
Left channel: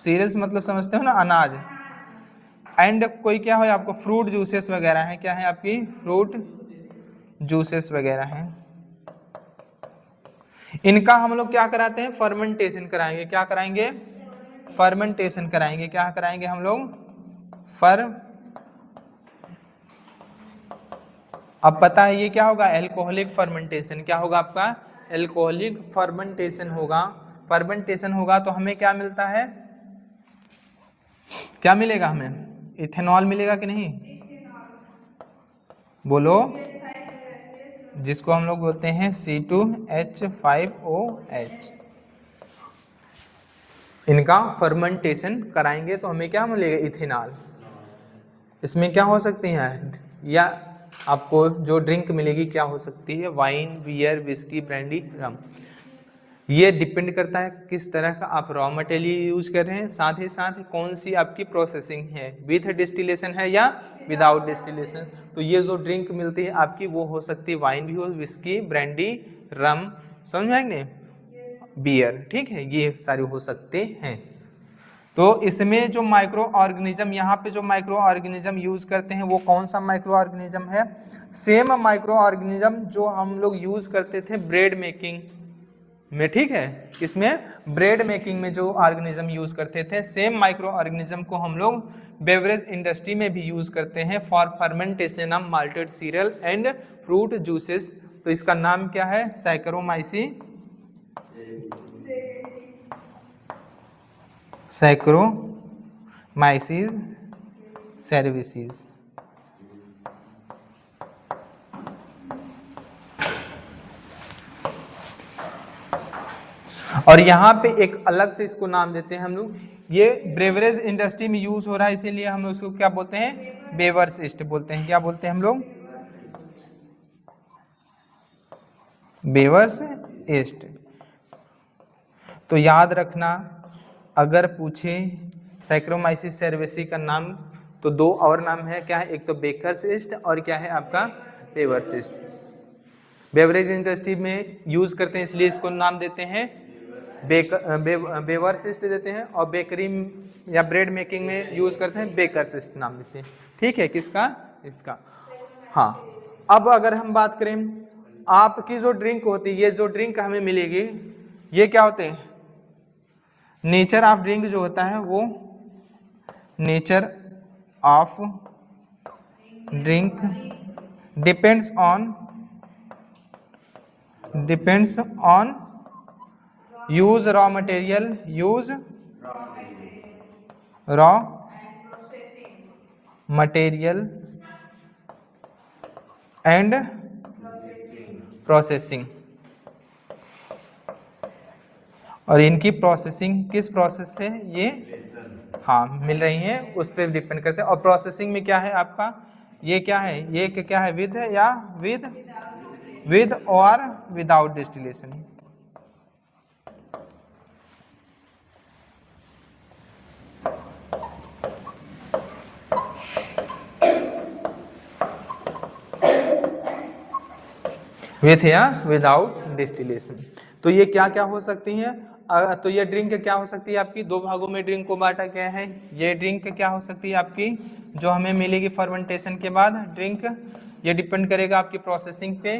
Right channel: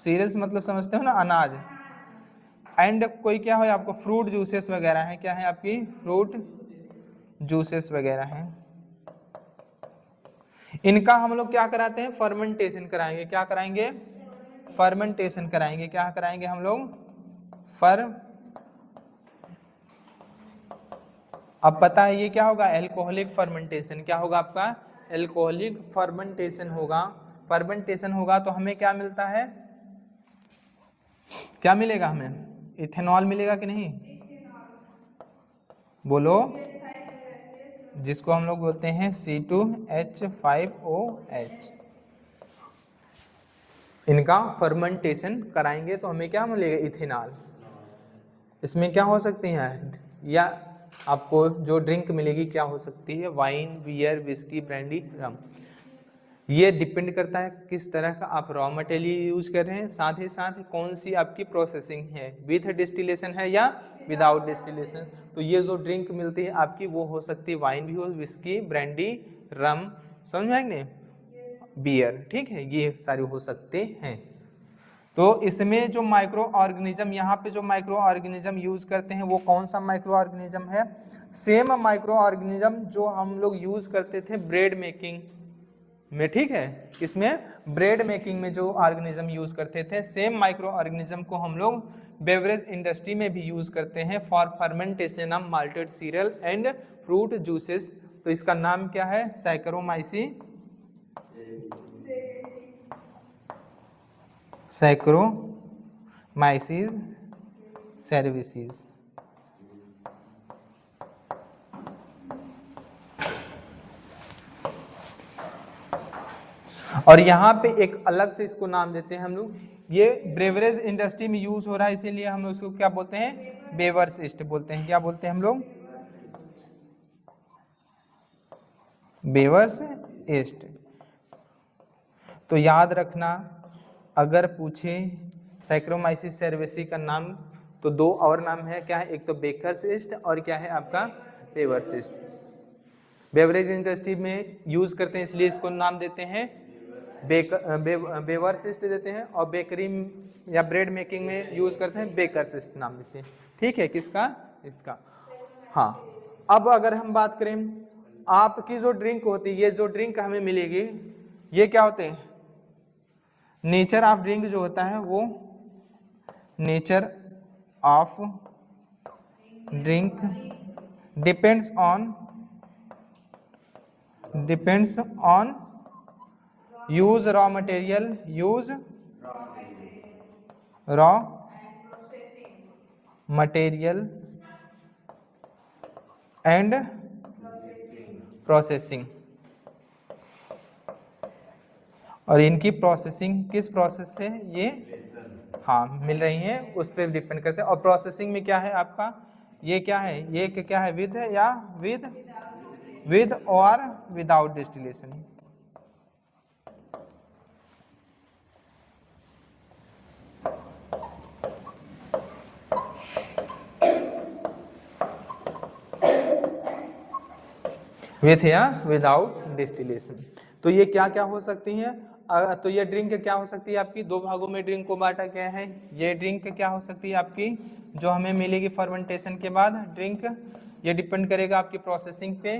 सीरियल्स मतलब समझते हो ना, अनाज, एंड कोई क्या है आपको फ्रूट जूसेस वगैरह है, क्या है आपकी फ्रूट जूसेस वगैरह हैं, इनका हम लोग क्या कराते हैं, फर्मेंटेशन कराएंगे। क्या कराएंगे, फर्मेंटेशन कराएंगे। क्या कराएंगे हम लोग, अब पता है ये क्या होगा, एल्कोहलिक फर्मेंटेशन। क्या होगा आपका, एल्कोहलिक फर्मेंटेशन होगा। फर्मेंटेशन होगा तो हमें क्या मिलता है, क्या मिलेगा हमें, इथेनॉल मिलेगा कि नहीं, बोलो, जिसको हम लोग बोलते हैं C2H5OH। इनका फर्मेंटेशन कराएंगे तो हमें क्या मिलेगा, इथेनॉल। इसमें क्या हो सकती है, या आपको जो ड्रिंक मिलेगी क्या हो सकती है, wine, beer, whisky, brandy, rum. ये डिपेंड करता है किस तरह का आप रॉ मटेरियल यूज कर रहे हैं, साथ ही साथ कौन सी आपकी प्रोसेसिंग है, विथ डिस्टिलेशन है या विदाउट डिस्टिलेशन। तो ये जो ड्रिंक मिलती है आपकी वो हो सकती है वाइन भी हो, विस्की, ब्रांडी, रम, समझ में आएंगे, बियर। ठीक है, ये सारे हो सकते हैं। तो इसमें जो माइक्रो ऑर्गेनिज्म, यहाँ पे जो माइक्रो ऑर्गेनिज्म यूज करते हैं वो कौन सा माइक्रो ऑर्गेनिज्म है, सेम माइक्रो ऑर्गेनिज्म जो हम लोग यूज करते थे ब्रेड मेकिंग में। ठीक है, इसमें ब्रेड मेकिंग में जो ऑर्गेनिज्म यूज करते थे, सेम माइक्रो ऑर्गेनिज्म को हम लोग बेवरेज इंडस्ट्री में भी यूज करते हैं for fermentation of malted serial and fruit juices. तो इसका नाम क्या है, सैक्रोमाइसिस सेरेविसिस। और यहाँ पे एक अलग से इसको नाम देते हैं हम लोग, ये ब्रेवरेज इंडस्ट्री में यूज हो रहा है इसीलिए हम उसको क्या बोलते हैं, बेवर्स ईस्ट बोलते हैं। क्या बोलते हैं हम लोग, बेवर्स ईस्ट। तो याद रखना, अगर पूछे सैक्रोमाइसिस सेरेविसी का नाम तो दो और नाम है, क्या है, एक तो बेकर्स ईस्ट और क्या है आपका बेवर्स ईस्ट। बेवरेज इंडस्ट्री में यूज करते हैं इसलिए इसको नाम देते हैं बेवर्स ईस्ट देते हैं, और बेकरी या ब्रेड मेकिंग में यूज करते हैं बेकर्स ईस्ट नाम देते हैं। ठीक है, किसका, इसका। हाँ, अब अगर हम बात करें आपकी जो ड्रिंक होती है, ये जो ड्रिंक हमें मिलेगी ये क्या होते हैं, नेचर ऑफ ड्रिंक जो होता है वो nature of drink depends on use raw material, use raw material and processing. और इनकी प्रोसेसिंग किस प्रोसेस से ये हाँ मिल रही हैं उस पर डिपेंड करते हैं। और प्रोसेसिंग में क्या है आपका, ये क्या है, ये क्या है, विद या विद और विदाउट डिस्टिलेशन। विथ या विदाउट डिस्टिलेशन। तो ये क्या क्या हो सकती हैं, तो ये ड्रिंक क्या हो सकती है आपकी, दो भागों में ड्रिंक को बांटा गया है। ये ड्रिंक क्या हो सकती है आपकी जो हमें मिलेगी फर्मेंटेशन के बाद ड्रिंक, ये डिपेंड करेगा आपकी प्रोसेसिंग पे।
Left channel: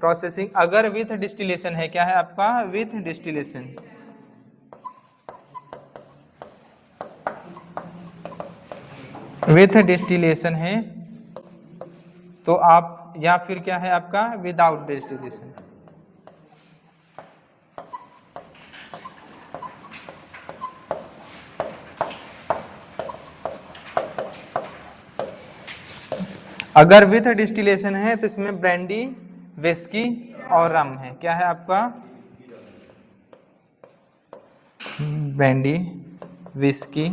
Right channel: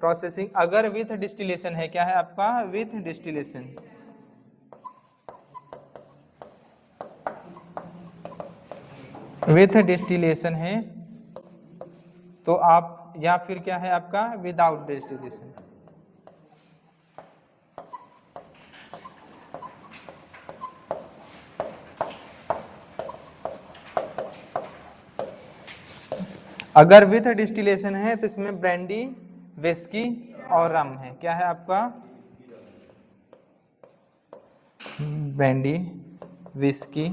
प्रोसेसिंग अगर विथ डिस्टिलेशन है, क्या है आपका, विथ डिस्टिलेशन। विथ डिस्टिलेशन है तो आप, या फिर क्या है आपका विदाउट डिस्टिलेशन। अगर विथ डिस्टिलेशन है तो इसमें ब्रांडी, विस्की और रम है। क्या है आपका, ब्रांडी, विस्की,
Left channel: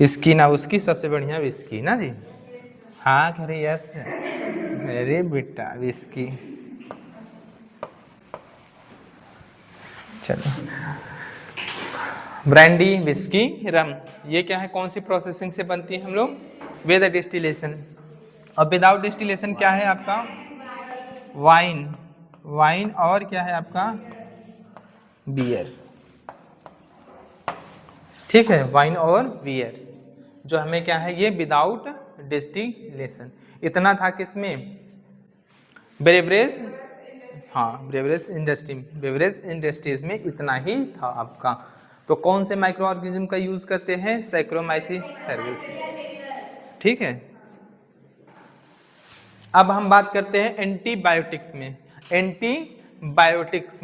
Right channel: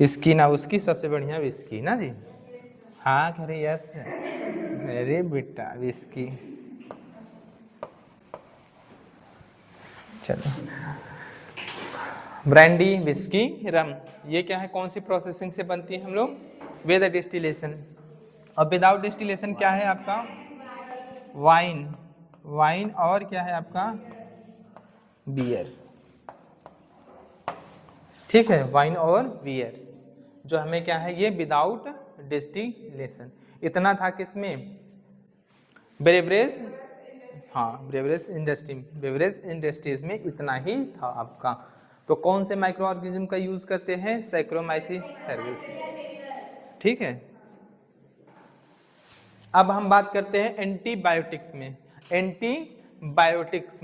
इसकी ना उसकी, सबसे बढ़िया विस्की ना जी। हाँ अरे यस, अरे बेटा विस्की। चलो ब्रांडी, विस्की, रम, ये क्या है, कौन सी प्रोसेसिंग से बनती है हम लोग, विद डिस्टिलेशन। और विदाउट डिस्टिलेशन क्या है आपका, वाइन, वाइन और क्या है आपका बियर। ठीक है, वाइन और बियर जो हमें क्या है, ये विदाउट डिस्टिलेशन। इतना था किसमें, ब्रेवरेज, हाँ ब्रेवरेज इंडस्ट्री, बेवरेज इंडस्ट्रीज में इतना ही था आपका। तो कौन से माइक्रो ऑर्गेनिज्म का यूज करते हैं, सैक्रोमाइसिस सर्विस। ठीक है, अब हम बात करते हैं एंटीबायोटिक्स में। एंटीबायोटिक्स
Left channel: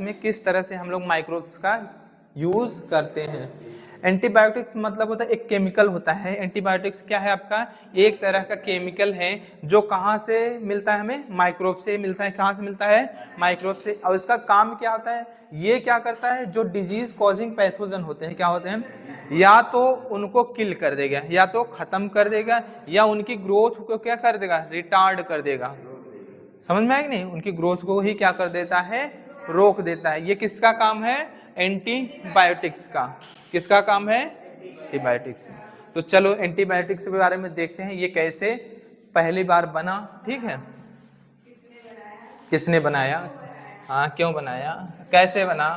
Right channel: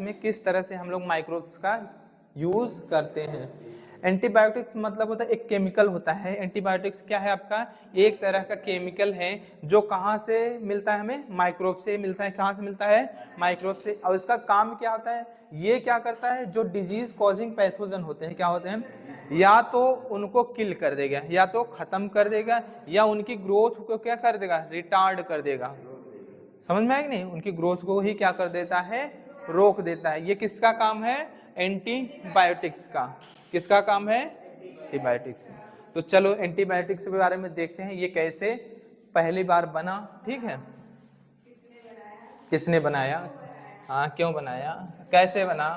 में किस तरह से हम लोग माइक्रोब्स का यूज करते हैं। एंटीबायोटिक्स मतलब होता है एक केमिकल होता है। एंटीबायोटिक्स क्या है आपका, एक तरह का केमिकल है जो कहाँ से मिलता है, हमें माइक्रोब से मिलता है। कहाँ से मिलता है, माइक्रोब से। और इसका काम क्या होता है, ये क्या करता है, जो डिजीज कॉजिंग पैथोजन होते हैं, क्या होते हैं, या तो उनको किल कर देगा, या तो खत्म कर देगा, या उनकी ग्रोथ को क्या कर देगा, रिटार्ड कर देगा। समझ में आया कि नहीं, उनकी ग्रोथ को ही क्या कर देता है, रोक देता है। ये किसका काम है, एंटीबायोटिक्स का। किसका काम है, एंटीबायोटिक्स। तो चलो एंटीबायोटिक्स के बारे में देखते हैं, ये कैसे पहली बार बना। ठीक है, किसने बनाया, हाँ क्यों बनाया, कैसे बना।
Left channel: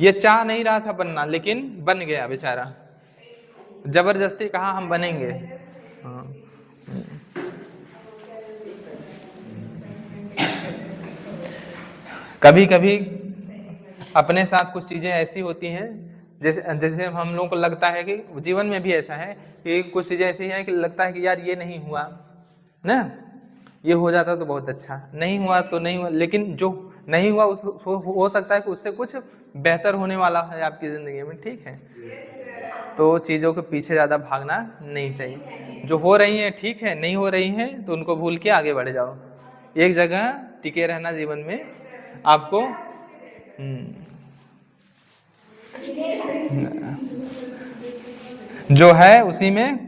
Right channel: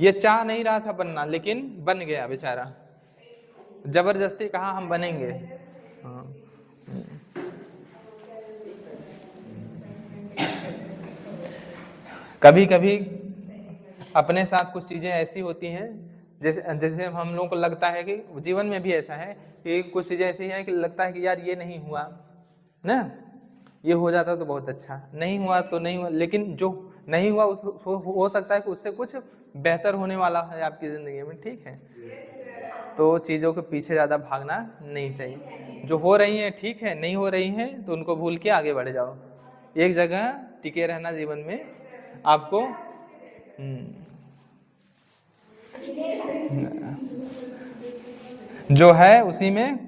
ये चाह नहीं रहा था बनना, लेकिन बन गया बेचारा, जबरदस्ती कहा हम बनेंगे। हाँ। कभी कभी अपने साथ कुछ चीज़ें ऐसी होती हैं, जैसे हम लोगों को लगता है कि जीवन में भी ऐसा है कि कुछ चीज़ें ऐसी हैं कि लगता है कि यार ये नहीं हुआ ना, ये हो जाता तो बहुत अच्छा, नहीं हुआ तो नहीं हुआ। लेकिन जो नहीं हुआ हो सकता है कि उससे कुछ बेहतर होने वाला है आपकी ज़िंदगी में। ठीक है, तो चीज़ों के पीछे ज़्यादा भागना नहीं चाहिए। जो हो रही हैं ठीक है, नहीं हो रही हैं तो उनको भूल के आगे बढ़ जाओ। एक जगह टिके रहना जीवन में आपको जो है उसी में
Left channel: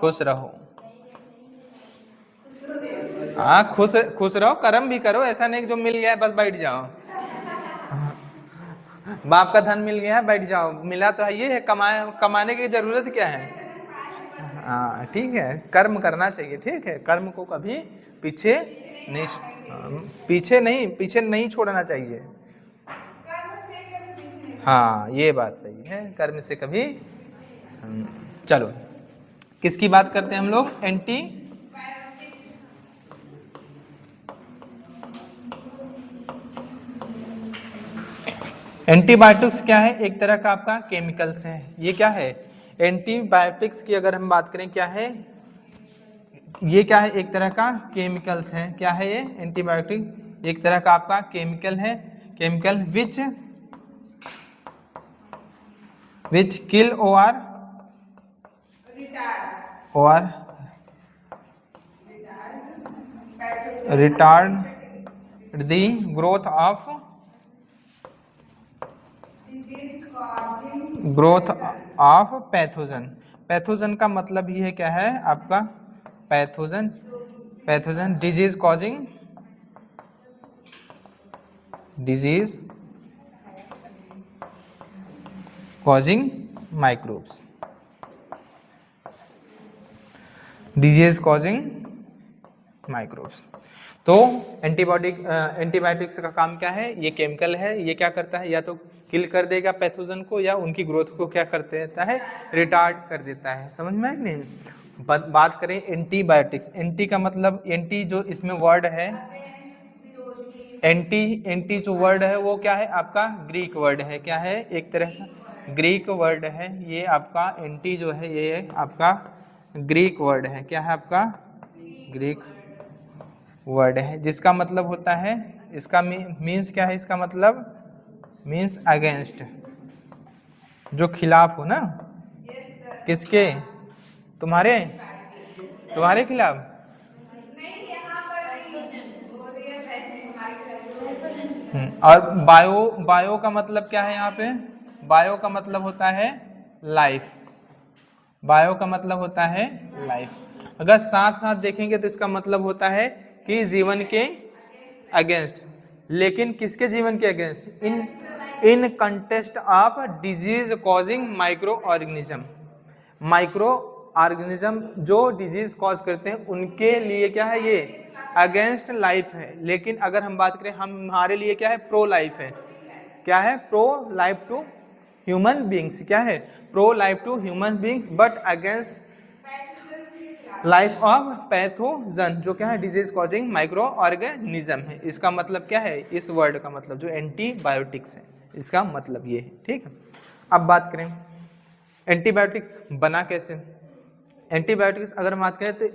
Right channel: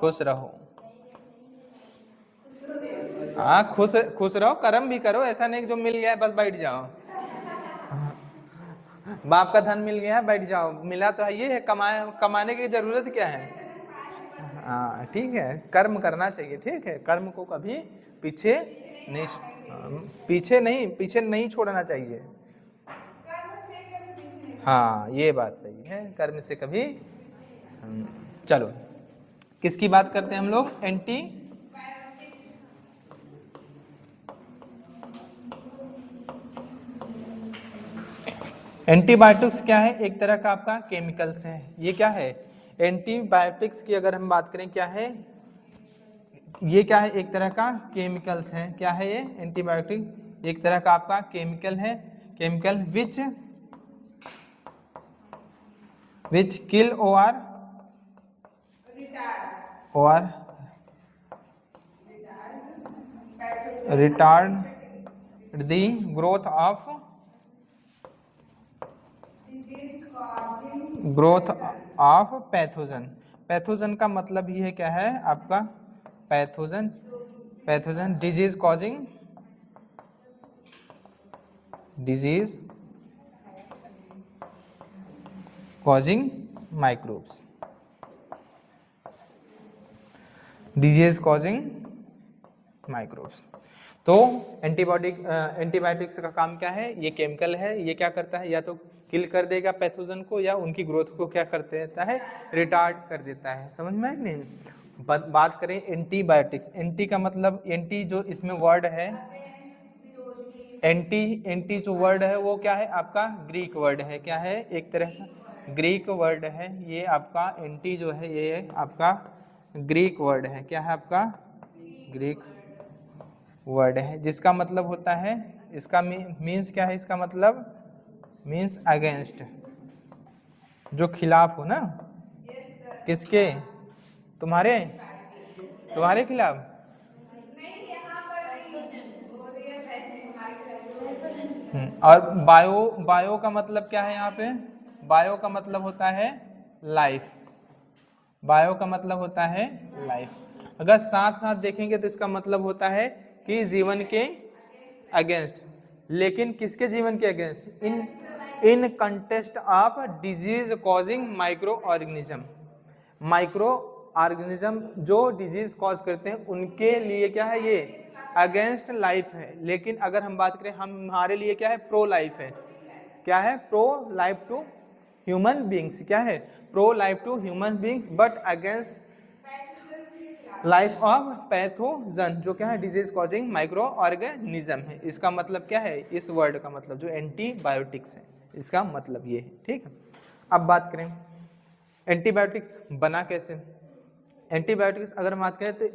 खुश रहो। हाँ खुश रहो, कर्म भी करो, ऐसा नहीं कि जो मिल गया है बस बैठ जाओ। बाप का धन मिल गया है बैठ जाओ, मिला तो ये है, कमाने की जरूरत क्या है। हाँ ठीक है, कर्म करना चाहिए। ठीक है, कर्म को कभी पीछे नहीं छोड़ना चाहिए। हाँ ये बात सही है, कर्म से कभी। चलो किसकी बात करते हैं हम लोग, एंटीबायोटिक्स क्या है, एक तरह का आपका केमिकल्स है। ये क्या है, एंटीबायोटिक्स की अगर हम बात करें क्या है, ये क्या है, एक तरह का केमिकल्स है। क्या है ये, एंटीबायोटिक एक तरह का आपका केमिकल है। Chemical which kill or retard the growth of pathogen. Pathogen का मतलब ये है क्या है आपका pathogen disease causing microbes, disease causing microbes. तो एंटीबायोटिक्स का काम क्या है, ये केमिकल है, ये क्या करता है, या तो किल कर देगा पैथोजन को या उनकी ग्रोथ को क्या कर देता है, रिटार्ड कर देता है। समझ में आया नहीं। बात करें एंटीबायोटिक्स, एंटी का मतलब, एंटी जो इसमें वर्ड है, एंटी जो वर्ड है वो क्या है आपका ग्रीक वर्ड है, क्या है एक तरह का ग्रीक वर्ड है। ये आपका एंटी जो है ये आपका ग्रीक वर्ड है, क्या है आपका ग्रीक वर्ड है, जिसका मतलब होता है, इसका मीन्स क्या है, इसका मतलब मीन्स अगेंस्ट, जो खिलाफ हो ना, किसके, तुम्हारे खिलाफ। और बायो का मतलब क्या है यहाँ पे, बायो का मतलब होता है लाइफ, बायो का मतलब होता है लाइफ। अगर साथ साथ देखेंगे तो इसका मतलब होता है कि जीवन के अगेंस्ट, लेकिन किसके जीवन के against, in contest of disease causing micro organism जो डिजीज कॉज करते हैं उनके लिए क्या है, ये अगेंस्ट लाइफ है। लेकिन अगर हम बात करें हमारे लिए क्या है, प्रो लाइफ है, क्या है, pro life to human beings, क्या है, pro life to human beings, but against life of pathogen, जो क्या है डिजीज कॉजिंग माइक्रो ऑर्गेनिज्म है। इसका मतलब क्या है, इस वर्ड का मतलब जो एंटीबायोटिक्स है इसका मतलब ये है। ठीक है, अब बात करें एंटीबायोटिक्स बना कैसे। एंटीबायोटिक्स अगर हम बात करें तो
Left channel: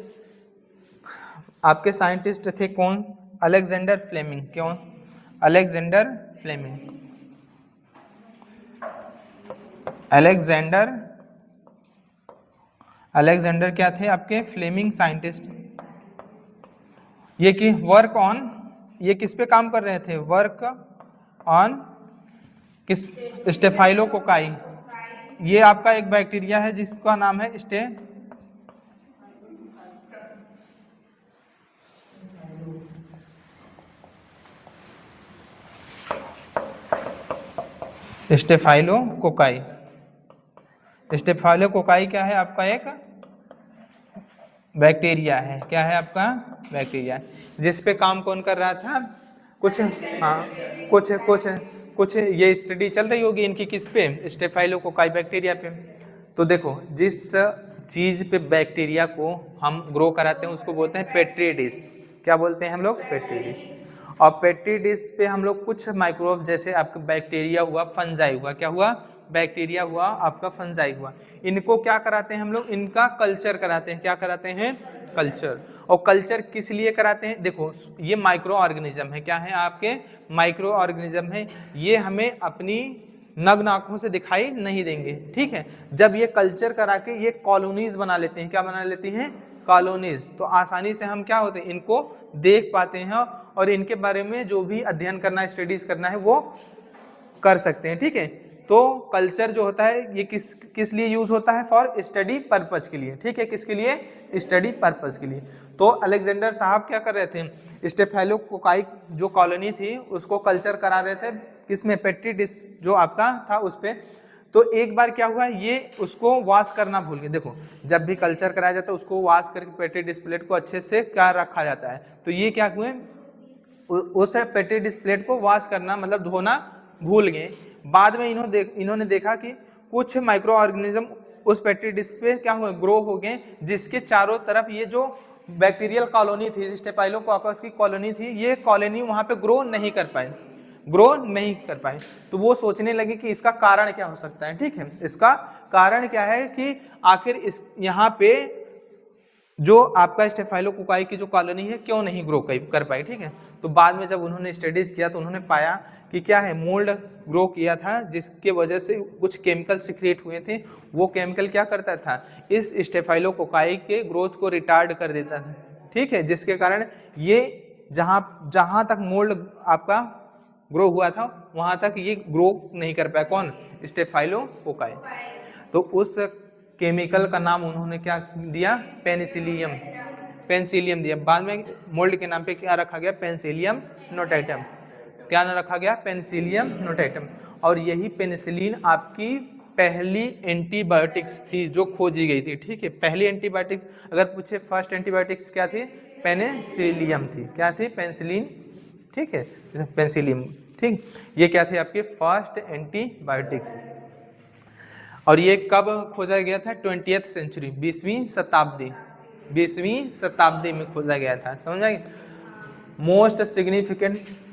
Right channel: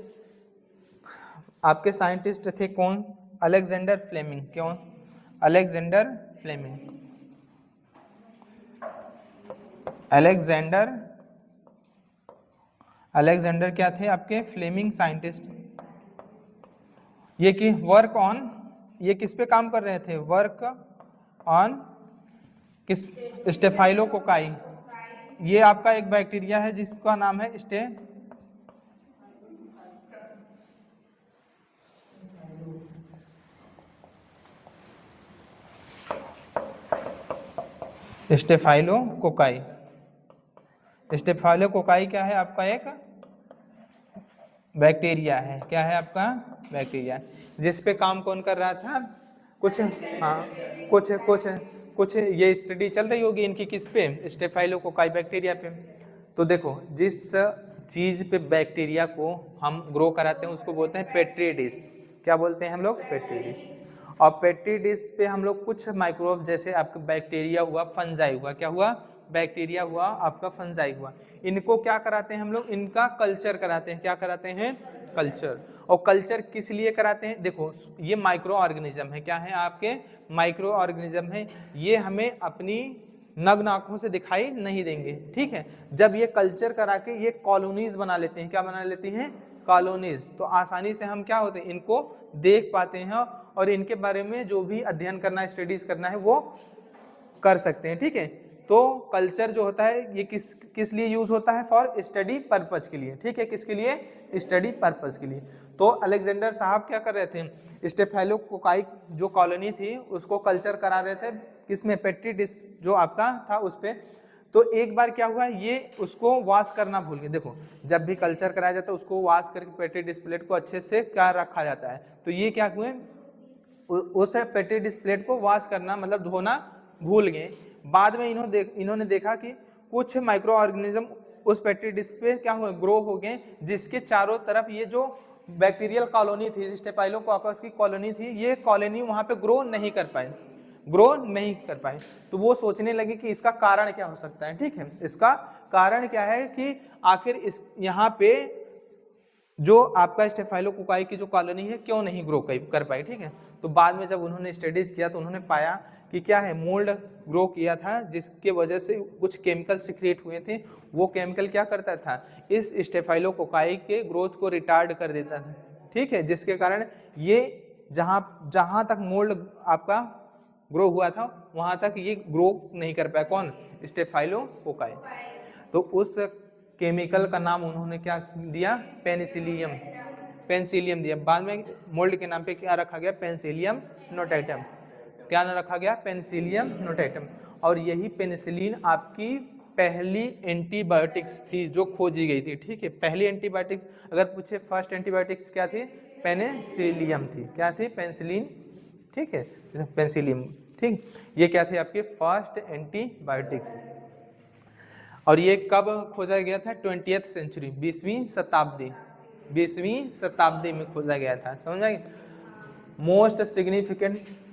आपके साइंटिस्ट थे कौन, अलेक्जेंडर फ्लेमिंग, क्यों अलेक्जेंडर फ्लेमिंग, अलेक्जेंडर क्या थे आपके फ्लेमिंग साइंटिस्ट। ये कि वर्क ऑन, ये किस पे काम कर रहे थे, वर्क ऑन किस, स्टेफाइलोकोकाई। ये आपका एक बैक्टीरिया है जिसका नाम है स्टेफाइलोकोकाई। स्टेफाइलोकोकाई क्या है आपका एक बैक्टीरिया है, क्या है आपका बैक्टीरिया, जिस पे काम कौन कर रहा था, कुछ ये स्टडी चल रही होगी इनकी किस पे, स्टेफाइलोकोकाई बैक्टीरिया पे। तो देखो जिस चीज पे बैक्टीरिया को हम ग्रो कराते हैं उसको बोलते हैं पेट्री डिश, क्या बोलते हैं हम लोग, पेट्री डिश। और पेट्री डिश पे हम लोग कुछ माइक्रोब, जैसे आपका बैक्टीरिया हुआ, फंजाई हुआ, क्या हुआ, बैक्टीरिया हुआ आपका, फंजाई हुआ, इनको क्या कराते हैं हम लोग, इनका कल्चर कराते हैं, क्या कराते हैं, कल्चर। और कल्चर किस लिए कराते हैं, देखो ये माइक्रो ऑर्गेनिज्म है, क्या है आपके माइक्रो ऑर्गेनिज्म है, ये हमें अपनी नग्न आंखों से दिखाई नहीं देंगे। ठीक है, जब ये कल्चर करा के ये कॉलोनीज बना लेते हैं, क्या बना लेती हैं, कॉलोनीज, तो आसानी से हम क्या होते हैं, इनको देख पाते हैं और इनके बारे में जो भी अध्ययन करना है, स्टडीज करना है वो कर सकते हैं। ठीक है, तो कल्चर जो होता है ये किस लिए यूज होता है, फॉर स्टडी पर्पज के लिए। ठीक है, किसके लिए, स्टडी पर्पज के लिए। तो अलेक्जेंडर साहब क्या कर रहे थे, स्टेफाइलोकोकाई जो कॉलोनी थी उसको कल्चर करा रहे थे, किसमें, पेट्री डिश जो आपका था उस पे। तो एक बार क्या हुआ, ये उसको वॉश करना भूल गए। देखो जब भी कल्चर कराया जाता है उसको वॉश करके पेट्री डिश प्लेट को अच्छे से क्या रखा जाता है, तो ये क्या हुए, उस पेट्री डिश प्लेट को वॉश करना मतलब धोना भूल गए। बाद में इन्होंने देखा कि कुछ माइक्रो ऑर्गेनिज्म उस पेट्री डिश पे क्या हुए, ग्रो हो गए, जिसके चारों तरफ ये जो बैक्टीरियल कॉलोनी थी, स्टेफाइलोकोकस की कॉलोनी थी, ये कॉलोनी वहां पे ग्रो नहीं कर पाए। तो वो सोचने लगे कि इसका कारण क्या हो सकता है। ठीक है, इसका कारण क्या है कि आखिर इस यहाँ पे जो आपका स्टेफाइलोकोकाई की जो कॉलोनी है क्यों नहीं ग्रो कर पाई, ठीक है। तो बाद में जब उन्होंने स्टडीज किया तो उन्होंने पाया कि क्या है, मोल्ड ग्रो किया था जिसके वजह से कुछ केमिकल सिक्रिएट हुए थे, वो केमिकल क्या करता था, इस स्टेफाइलोकोकाई के ग्रोथ को रिटार्ड कर देता था, ठीक है, जिसके कारण ये जहां तक मोल्ड आपका ग्रो हुआ था वहां तक ये ग्रो नहीं कर पाया, कौन, स्टेफाइलोकोकाई। तो उस केमिकल का नाम उन्होंने क्या दिया, पेनिसिलियम, पेंसिलियम दिया। बाद में मोल्ड के नाम पे क्या रखा गया, पेंसिलियम नोटेटम। क्या नाम रखा गया, पेनिसिलियम नोटेटम। और यही पेनिसिलिन आपकी पहली एंटीबायोटिक्स थी जो खोजी गई थी, ठीक है। पहली एंटीबायोटिक्स अगर पूछे फर्स्ट एंटीबायोटिक्स क्या थी, पेनिसिलियम थी, क्या थी, पेंसिलिन, ठीक है, पेंसिलियम, ठीक। ये क्या थी आपकी फर्स्ट एंटीबायोटिक्स। और ये कब खोजा गया था, 20th सेंचुरी, 20वीं शताब्दी में खोजा गया था, समझ आए।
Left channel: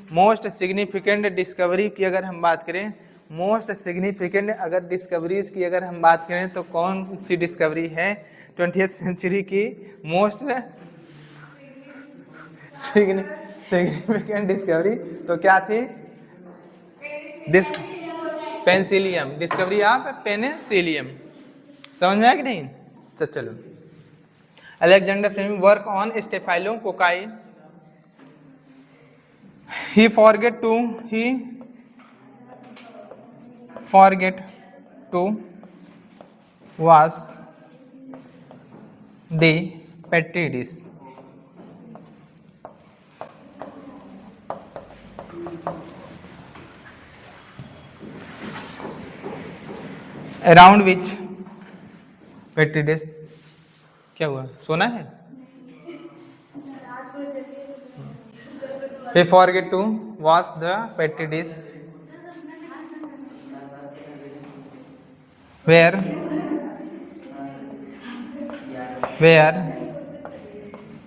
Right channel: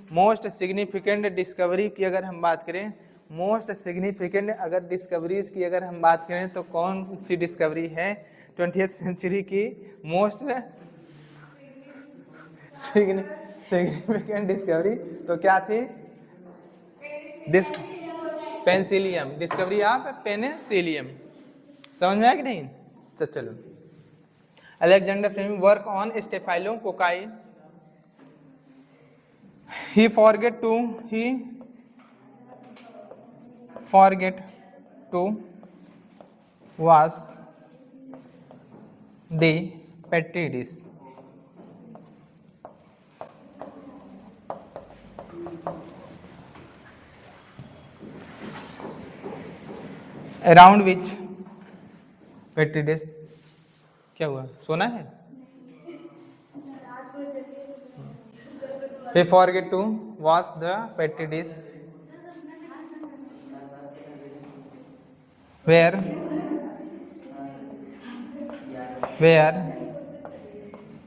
मोस्ट सिग्निफिकेंट डिस्कवरी की अगर हम बात करें, मोस्ट सिग्निफिकेंट अगर डिस्कवरीज की अगर हम बात करें तो कौन सी डिस्कवरी है 20th सेंचुरी की मोस्ट सिग्निफिकेंट डिस्कवरी, तो क्या थी, पेंसिलियम, डिस्कवरी ऑफ पेनिसिलियम, समझ में आया कि नहीं। तो चलो, Alexander Fleming work on staphylococci, he forget to wash the petri dish, around which petri dish, क्या हुआ, सोना है, he forget to wash the petri dish where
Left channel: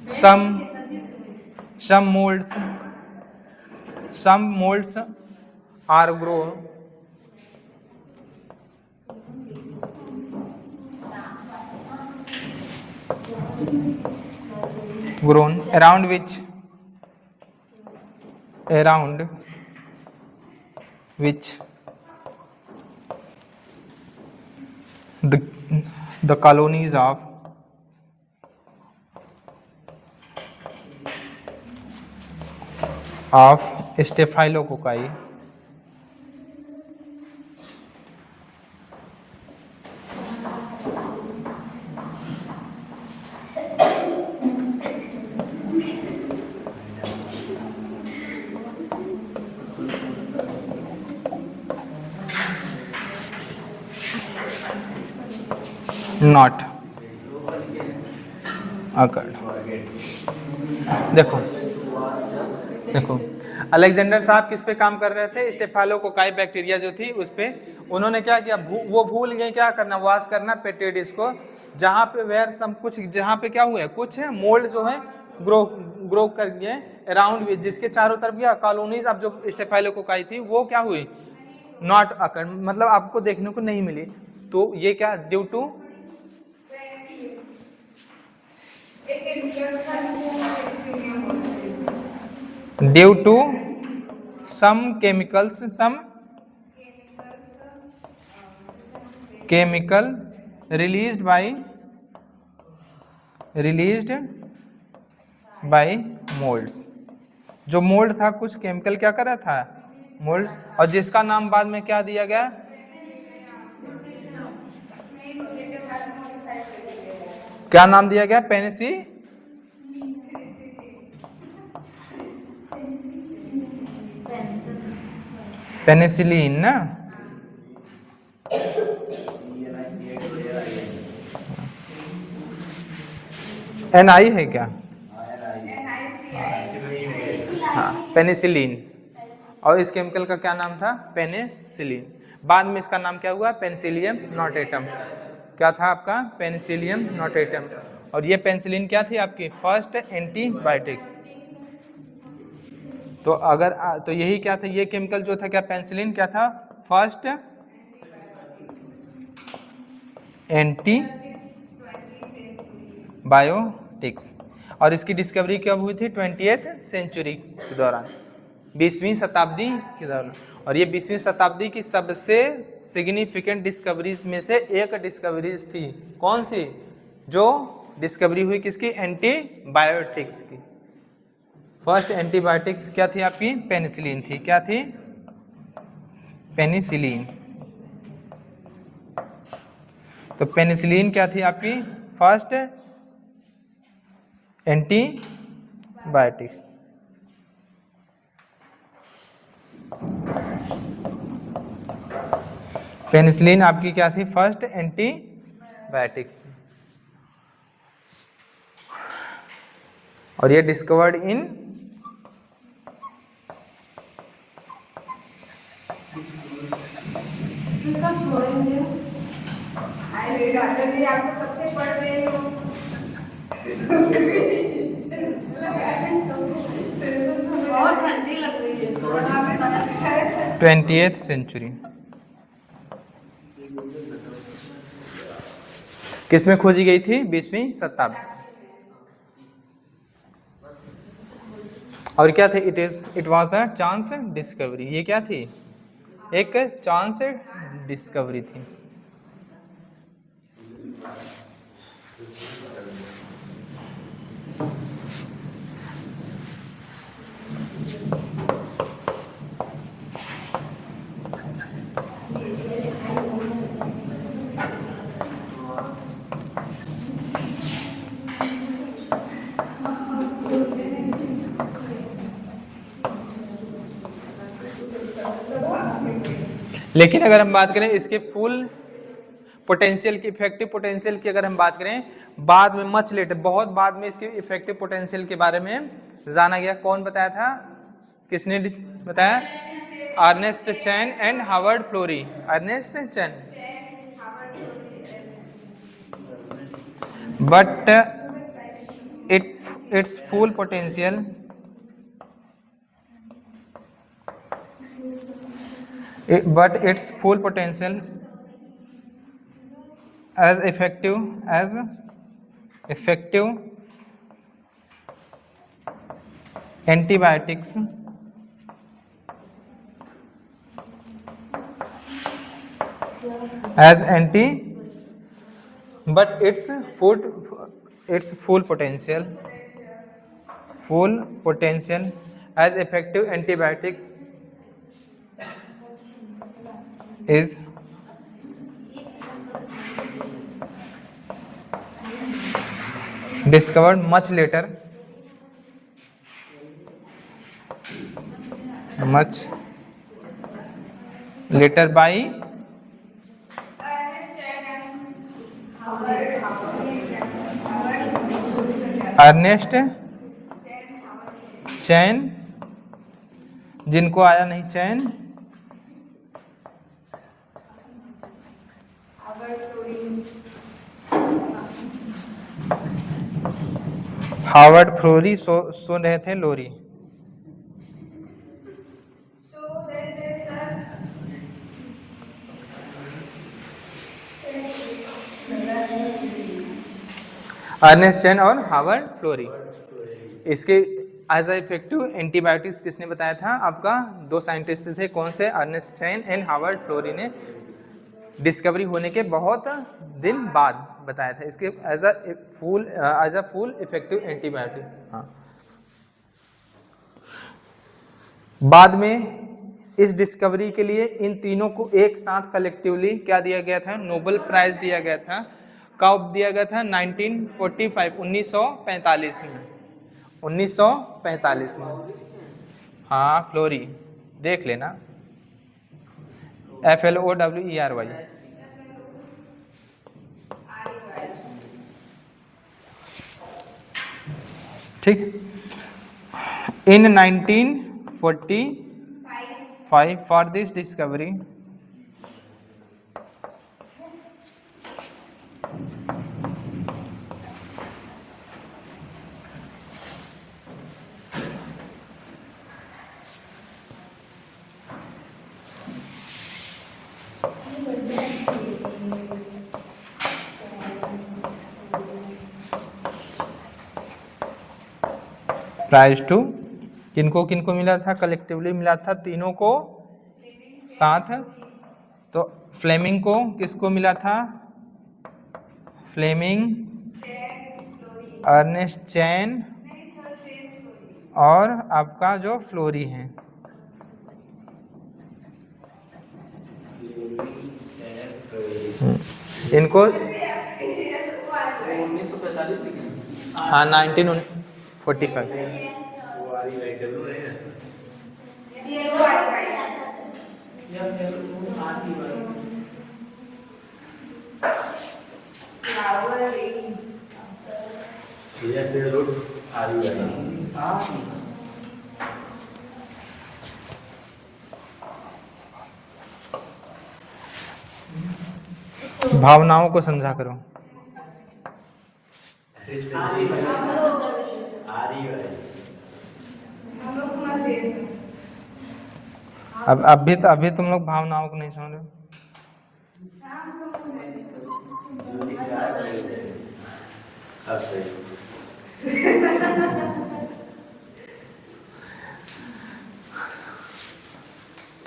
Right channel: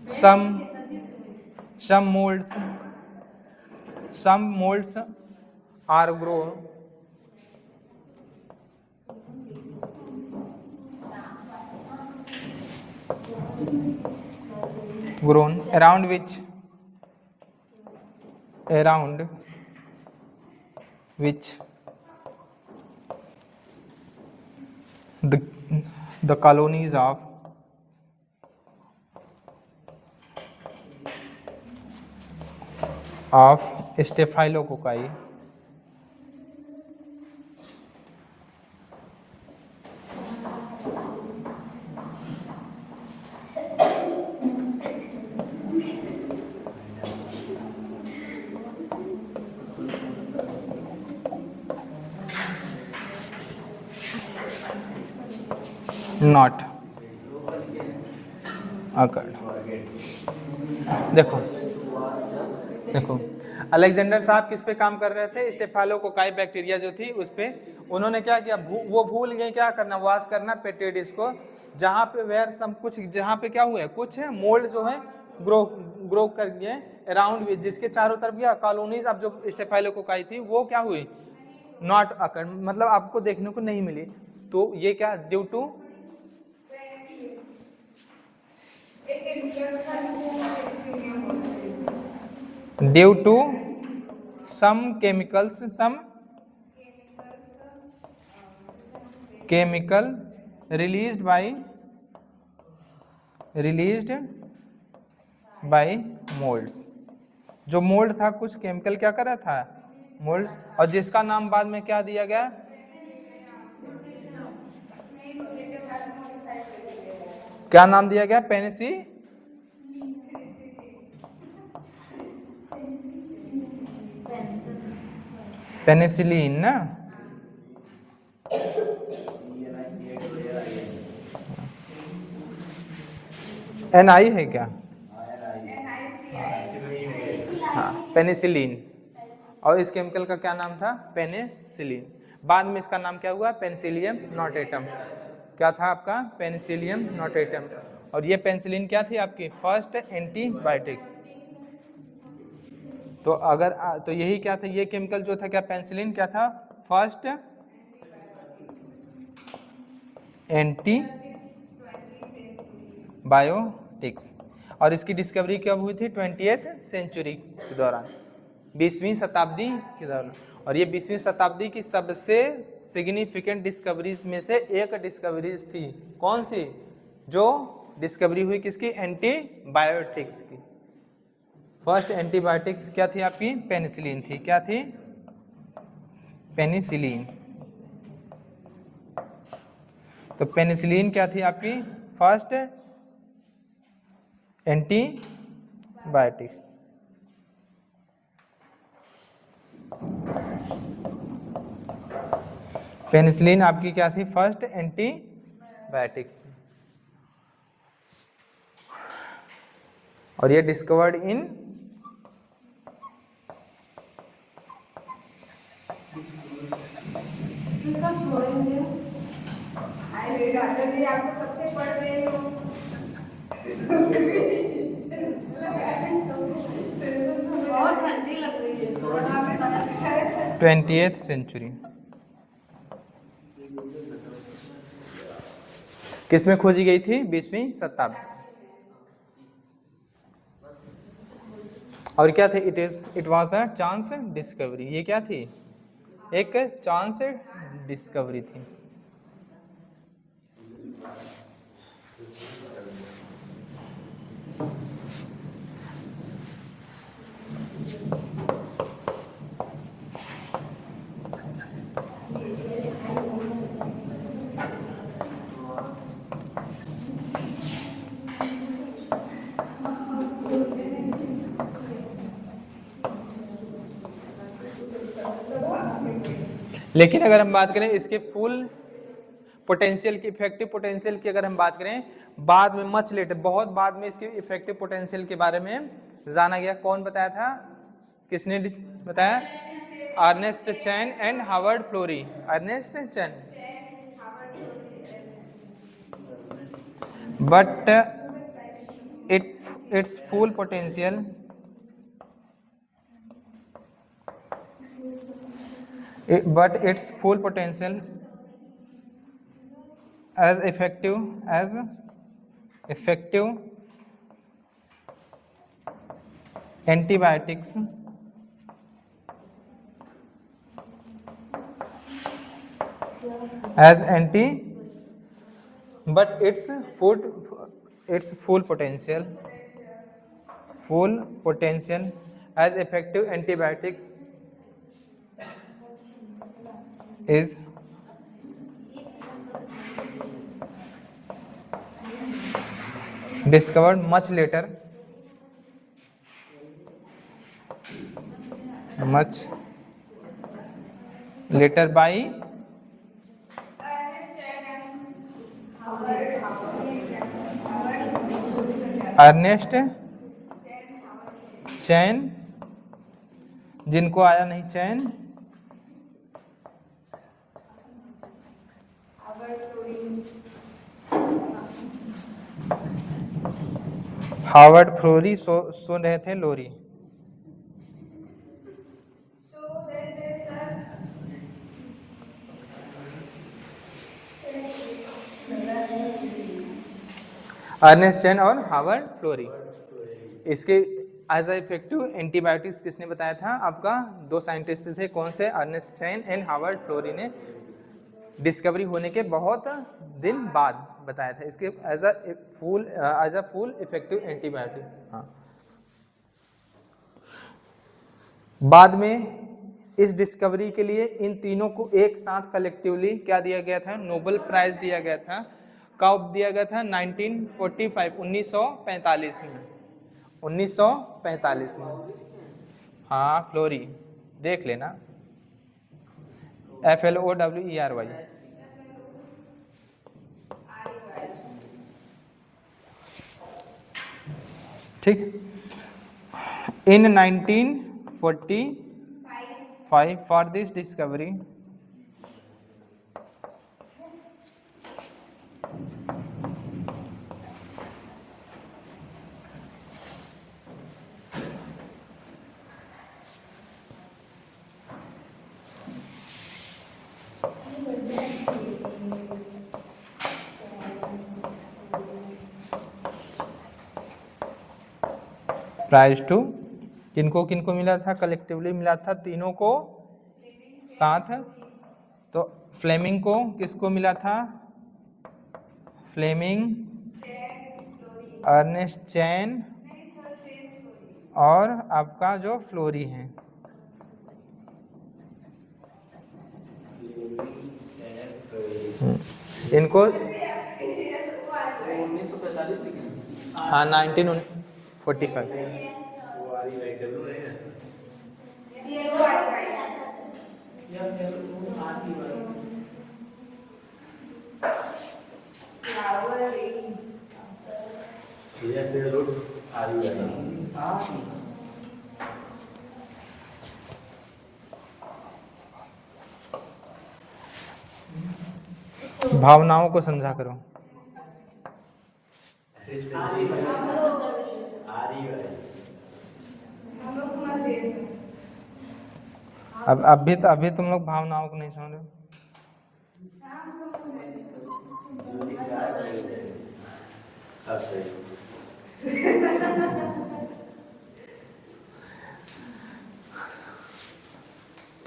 some molds are grown around which the colonies of Staphylococci not occurred। देखो अलेक्जेंडर साहब किस पे काम कर रहे थे, स्टेफाइलोकोकाई बैक्टीरिया जो थी उस पे। उन्होंने क्या किया, वो भूल गए क्या करना, वॉश करना पेट्री डिश को, जहाँ पे वेयर सम कुछ, जहाँ पे क्या हुए, कुछ मोल्ड जो है ग्रो कर गए अराउंड विच, जिसके चारों तरफ क्या कॉलोनीज अब जो स्टेफाइलोकोकाई थी वो क्या हुई, नॉट अकर, मतलब आपको देखने को नहीं मिली। तो ये क्या, due to some chemicals, some chemical released by molds। जो मोल्ड था कुछ केमिकल क्या कर रहा था, मोल्ड, और जिसका नाम बाद में क्या दिया गया, क्या नाम दिया गया, पेनिसिलिन ना। NI है क्या, हाँ पेनिसिलिन, और इस केमिकल का क्या नाम था, पेनिसिलिन। बाद में इसका नाम क्या हुआ, पेनिसिलियम नोटेटम। क्या था आपका, पेनिसिलियम नोटेटम। और ये पेनिसिलिन क्या थी आपकी फर्स्ट एंटीबायोटिक। तो अगर तो यही क्या था, ये केमिकल जो था क्या, पेनिसिलिन क्या था, फर्स्ट एंटीबायोटिक एंटीबायोटिक्स। और इसकी डिस्कवरी कब हुई थी? 20th सेंचुरी के दौरान, 20वीं शताब्दी के दौरान। और ये 20वीं शताब्दी की सबसे सिग्निफिकेंट डिस्कवरीज में से एक डिस्कवरीज थी। कौन सी? जो डिस्कवरी हुई किसकी? एंटीबायोटिक्स की। फर्स्ट एंटीबायोटिक्स क्या थी आपकी? पेनिसिलिन थी। क्या थी? पेनिसिलिन। तो पेनिसिलिन क्या थी आपकी? First antibiotics. पेनिसिलिन आपकी क्या थी? First antibiotics. और ये डिस्कवर्ड इन बहुत ठंडी लग रही है। 20th century. किसमें खोजी गई थी? 20वीं शताब्दी। और क्या थे? It was a chance discovery. ये क्या थी? एक चांस डिस्कवरी थी। लेकिन अगर हम बात करें इसके फुल पोटेंशियल की, इफेक्टिव पोटेंशियल की अगर हम बात करें, बाद में मच लेटर, बहुत बाद में इसके इफेक्टिव पोटेंशियल के बारे में जाना गया। कौन बताया था? किसने बताया? Ernest Chain and Harvard Florey. Ernest Chain. But it's full potential but its full potential as effective antibiotics as anti but its full potential as effective antibiotics is discovered much later by Ernest Chain, जिनको आया नहीं चैन, हार्वर्ड फ्लोरी, सुन रहे थे लोरी। अर्नेस्ट चैन और हार्वर्ड फ्लोरी। इसके एज अ इफेक्टिव एंटीबायोटिक्स किसने बताया था? आपका दो साइंटिस्ट थे। कौन से? Ernest Chain and Harvard Florey ने डिस्कवरी होने के बहुत दिन बाद बताया था इसके as a full effective antibiotic. हाँ, बाद में इस डिस्कवरी के लिए इन तीनों को एक साथ कलेक्टिवली क्या दिया गया था? नोबेल प्राइज दिया गया था। कब दिया गया था? 1945, 1945 में। 1945 में। हाँ, फ्लोरी देख लेना, FLOWERY। ठीक। In 1945 for this discovery prize to किनको किनको मिला था, कलेक्टिवली मिला था तीनों को साथ। तो फ्लेमिंग को किसको मिला था, फ्लेमिंग, अर्नेस्ट चैन और आपका जो फ्लोरी है। इनको 1945 में हाँ 1945। भावनाओं को समझा करो। अब अभी तुम लोग भावनाओं को नहीं समझ रहे।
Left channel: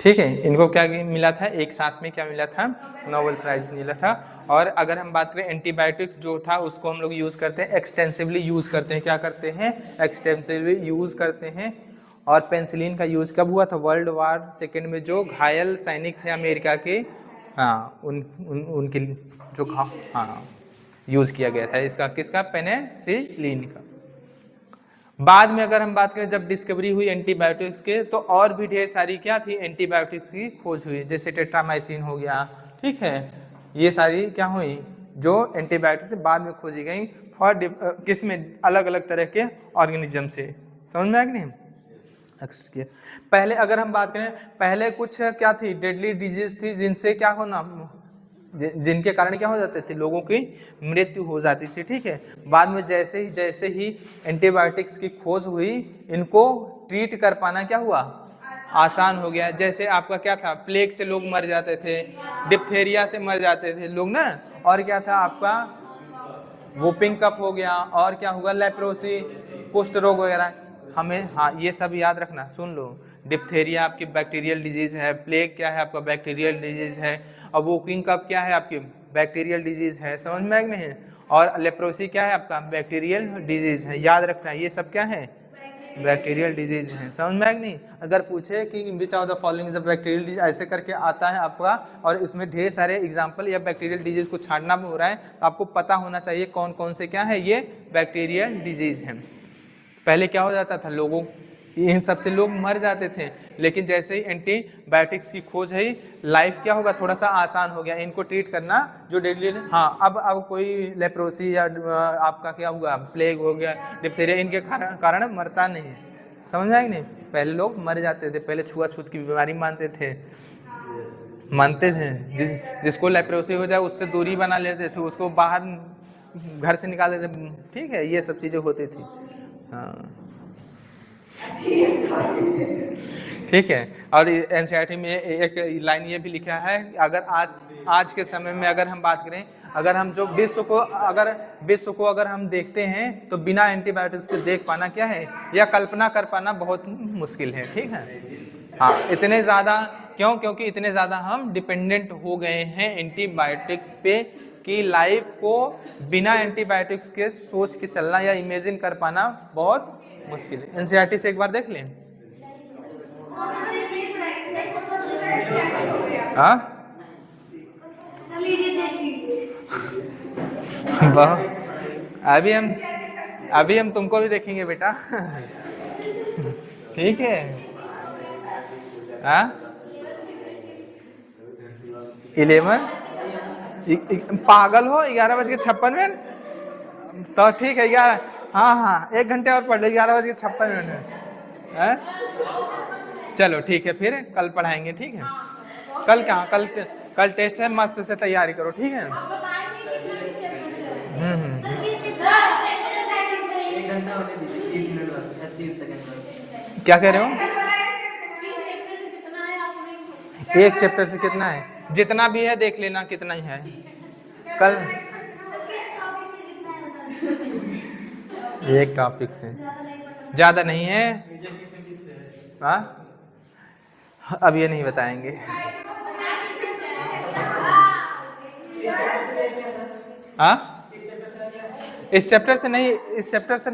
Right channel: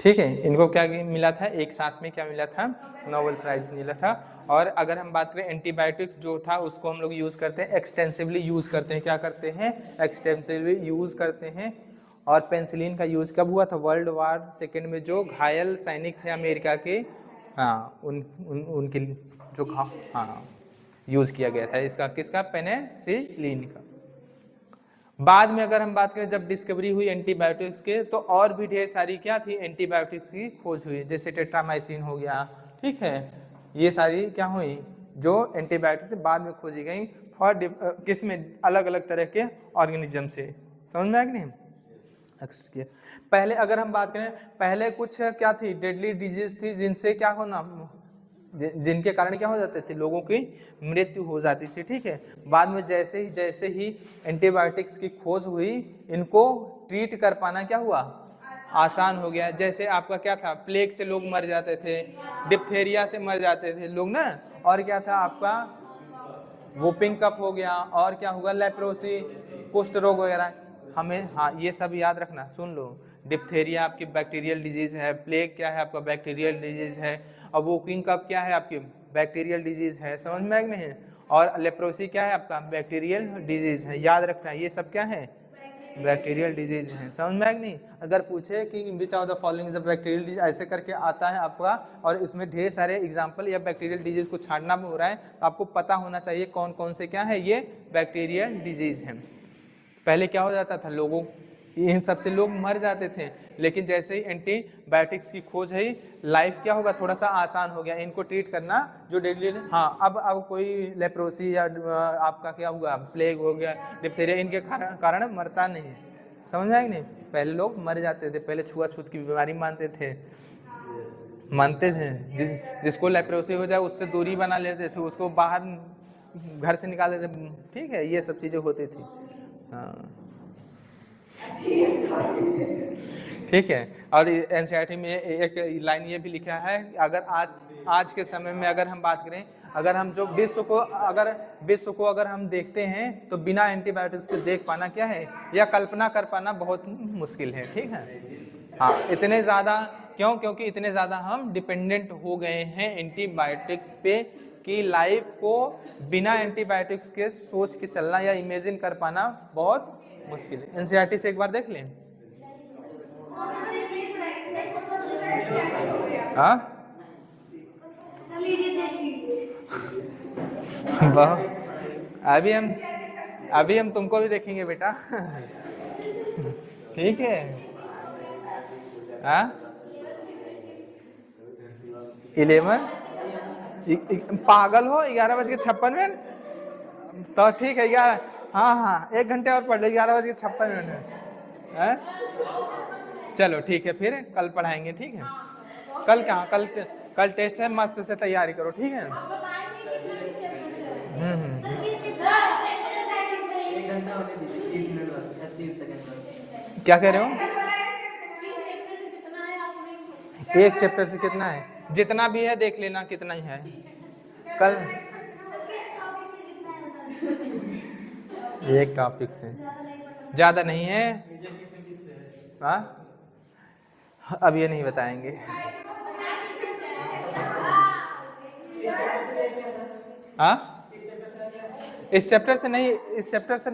ठीक है, इनको क्या मिला था, एक साथ में क्या मिला था, नोबेल प्राइज मिला था। और अगर हम बात करें एंटीबायोटिक्स जो था उसको हम लोग यूज़ करते हैं, एक्सटेंसिवली यूज़ करते हैं। क्या करते हैं, एक्सटेंसिवली यूज़ करते हैं। और पेंसिलिन का यूज़ कब हुआ था, वर्ल्ड वार सेकेंड में जो घायल सैनिक थे अमेरिका के, हाँ उनके जो हाँ यूज़ किया गया था इसका, किसका, पेनिसिलिन का। बाद में अगर हम बात करें जब डिस्कवरी हुई एंटीबायोटिक्स के, तो और भी ढेर सारी क्या थी, एंटीबायोटिक्स की खोज हुई, जैसे टेट्रामाइसिन हो गया। ठीक है, ये सारी क्या हुई, जो एंटीबायोटिक्स बाद में खोजी गई फॉर किस में, अलग अलग तरह के ऑर्गेनिज्म से। समझ में आया कि नहीं। पहले अगर हम बात करें, पहले कुछ क्या थी, डेडली डिजीज थी, जिनसे क्या होना, जिनके कारण क्या हो जाते थे, लोगों की मृत्यु हो जाती थी। ठीक है, बाद में जैसे ही एंटीबायोटिक्स की खोज हुई, इनको ट्रीट कर पाना क्या हुआ, आसान हो गया। जैसे आपका क्या था, प्लेग से लोग मर जाते थे, डिप्थेरिया से मर जाते थे लोग ना, और क्या था आपका वूपिंग कफ हो गया, और क्या होगा, लेप्रोसी, कुष्ठ रोग वगैरह। हमें हाँ ये सब याद रखना, सुन लो। डिप्थेरिया आपकी बैक्टीरियल डिजीज है, प्लेग क्या है आपका बैक्टीरियल डिजीज है, और वूपिंग कफ क्या है आपकी बैक्टीरियल डिजीज है। समझ में आया कि नहीं। और लेप्रोसी क्या है आपका बैक्टीरियल डिजीज है, याद रखना ये सब क्या है, बैक्टीरियल डिजीज है। समझ में आया कि नहीं। अगर पूछे कि which of the following is a bacterial disease, ऐसे करके आता है आपका, और इसमें ढेर सारे एग्जांपल या बैक्टीरियल डिजीज को छांटना हो रहा है, तो आपको पता होना चाहिए कौन कौन से क्या है ये बैक्टीरियल डिजीज है। पहले क्या हो जाता था, लोगों इन सब से लोग मर जाते थे, लेकिन जैसे ही एंटीबायोटिक्स की खोज है, लाइफ क्या होगा, थोड़ा सा आसान हो गया इनको ट्रीट करना, जो डेली। हाँ अब कोई लेप्रोसी या आपका क्या हुआ, प्लेग हो गया, डिप्थीरिया, इनके कारण मरता नहीं। समझ आए नहीं। पहले लोग मर जाते थे, पहले छुआछूत की बीमारी मानते थे, जिसको लेप्रोसी हो जाए उससे दूरी बना लेते थे, उसको बाहर घर से निकाल देते। ठीक है, ये सब चीज़ें होती थी। हाँ ठीक है। और एनसीईआरटी में एक लाइन ये भी लिखा है, अगर आज के समय में अगर हम बात करें, अगर हम जो विश्व को अगर हम देखते हैं, तो बिना एंटीबायोटिक्स के देख पाना क्या है, या कल्पना कर पाना बहुत मुश्किल है। ठीक है, हाँ इतने ज़्यादा क्यों, क्योंकि इतने ज़्यादा हम डिपेंडेंट हो गए हैं एंटीबायोटिक्स पे, कि लाइफ को बिना एंटीबायोटिक्स के सोच के चलना या इमेजिन कर पाना बहुत मुश्किल है। एनसीईआरटी से एक बार देख लें। हाँ अभी हम तुमको भी देखेंगे बेटा। ठीक है, हाँ 11 पागल हो, 11:56। तो ठीक है 11, हाँ 1 घंटे और पढ़ लो, 11:56 है। चलो ठीक है, फिर कल पढ़ाएंगे। ठीक है, कल कहाँ, कल टेस्ट है, मस्त से तैयारी करो। ठीक है। क्या कह रहे हो, एक चैप्टर से कितना है, जितना भी है देख लेना, कितना ही है। कल एक टॉपिक से ज़्यादा नहीं है। हाँ, अब ये नहीं बताएंगे। हाँ, इस चैप्टर से नहीं, इस चैप्टर से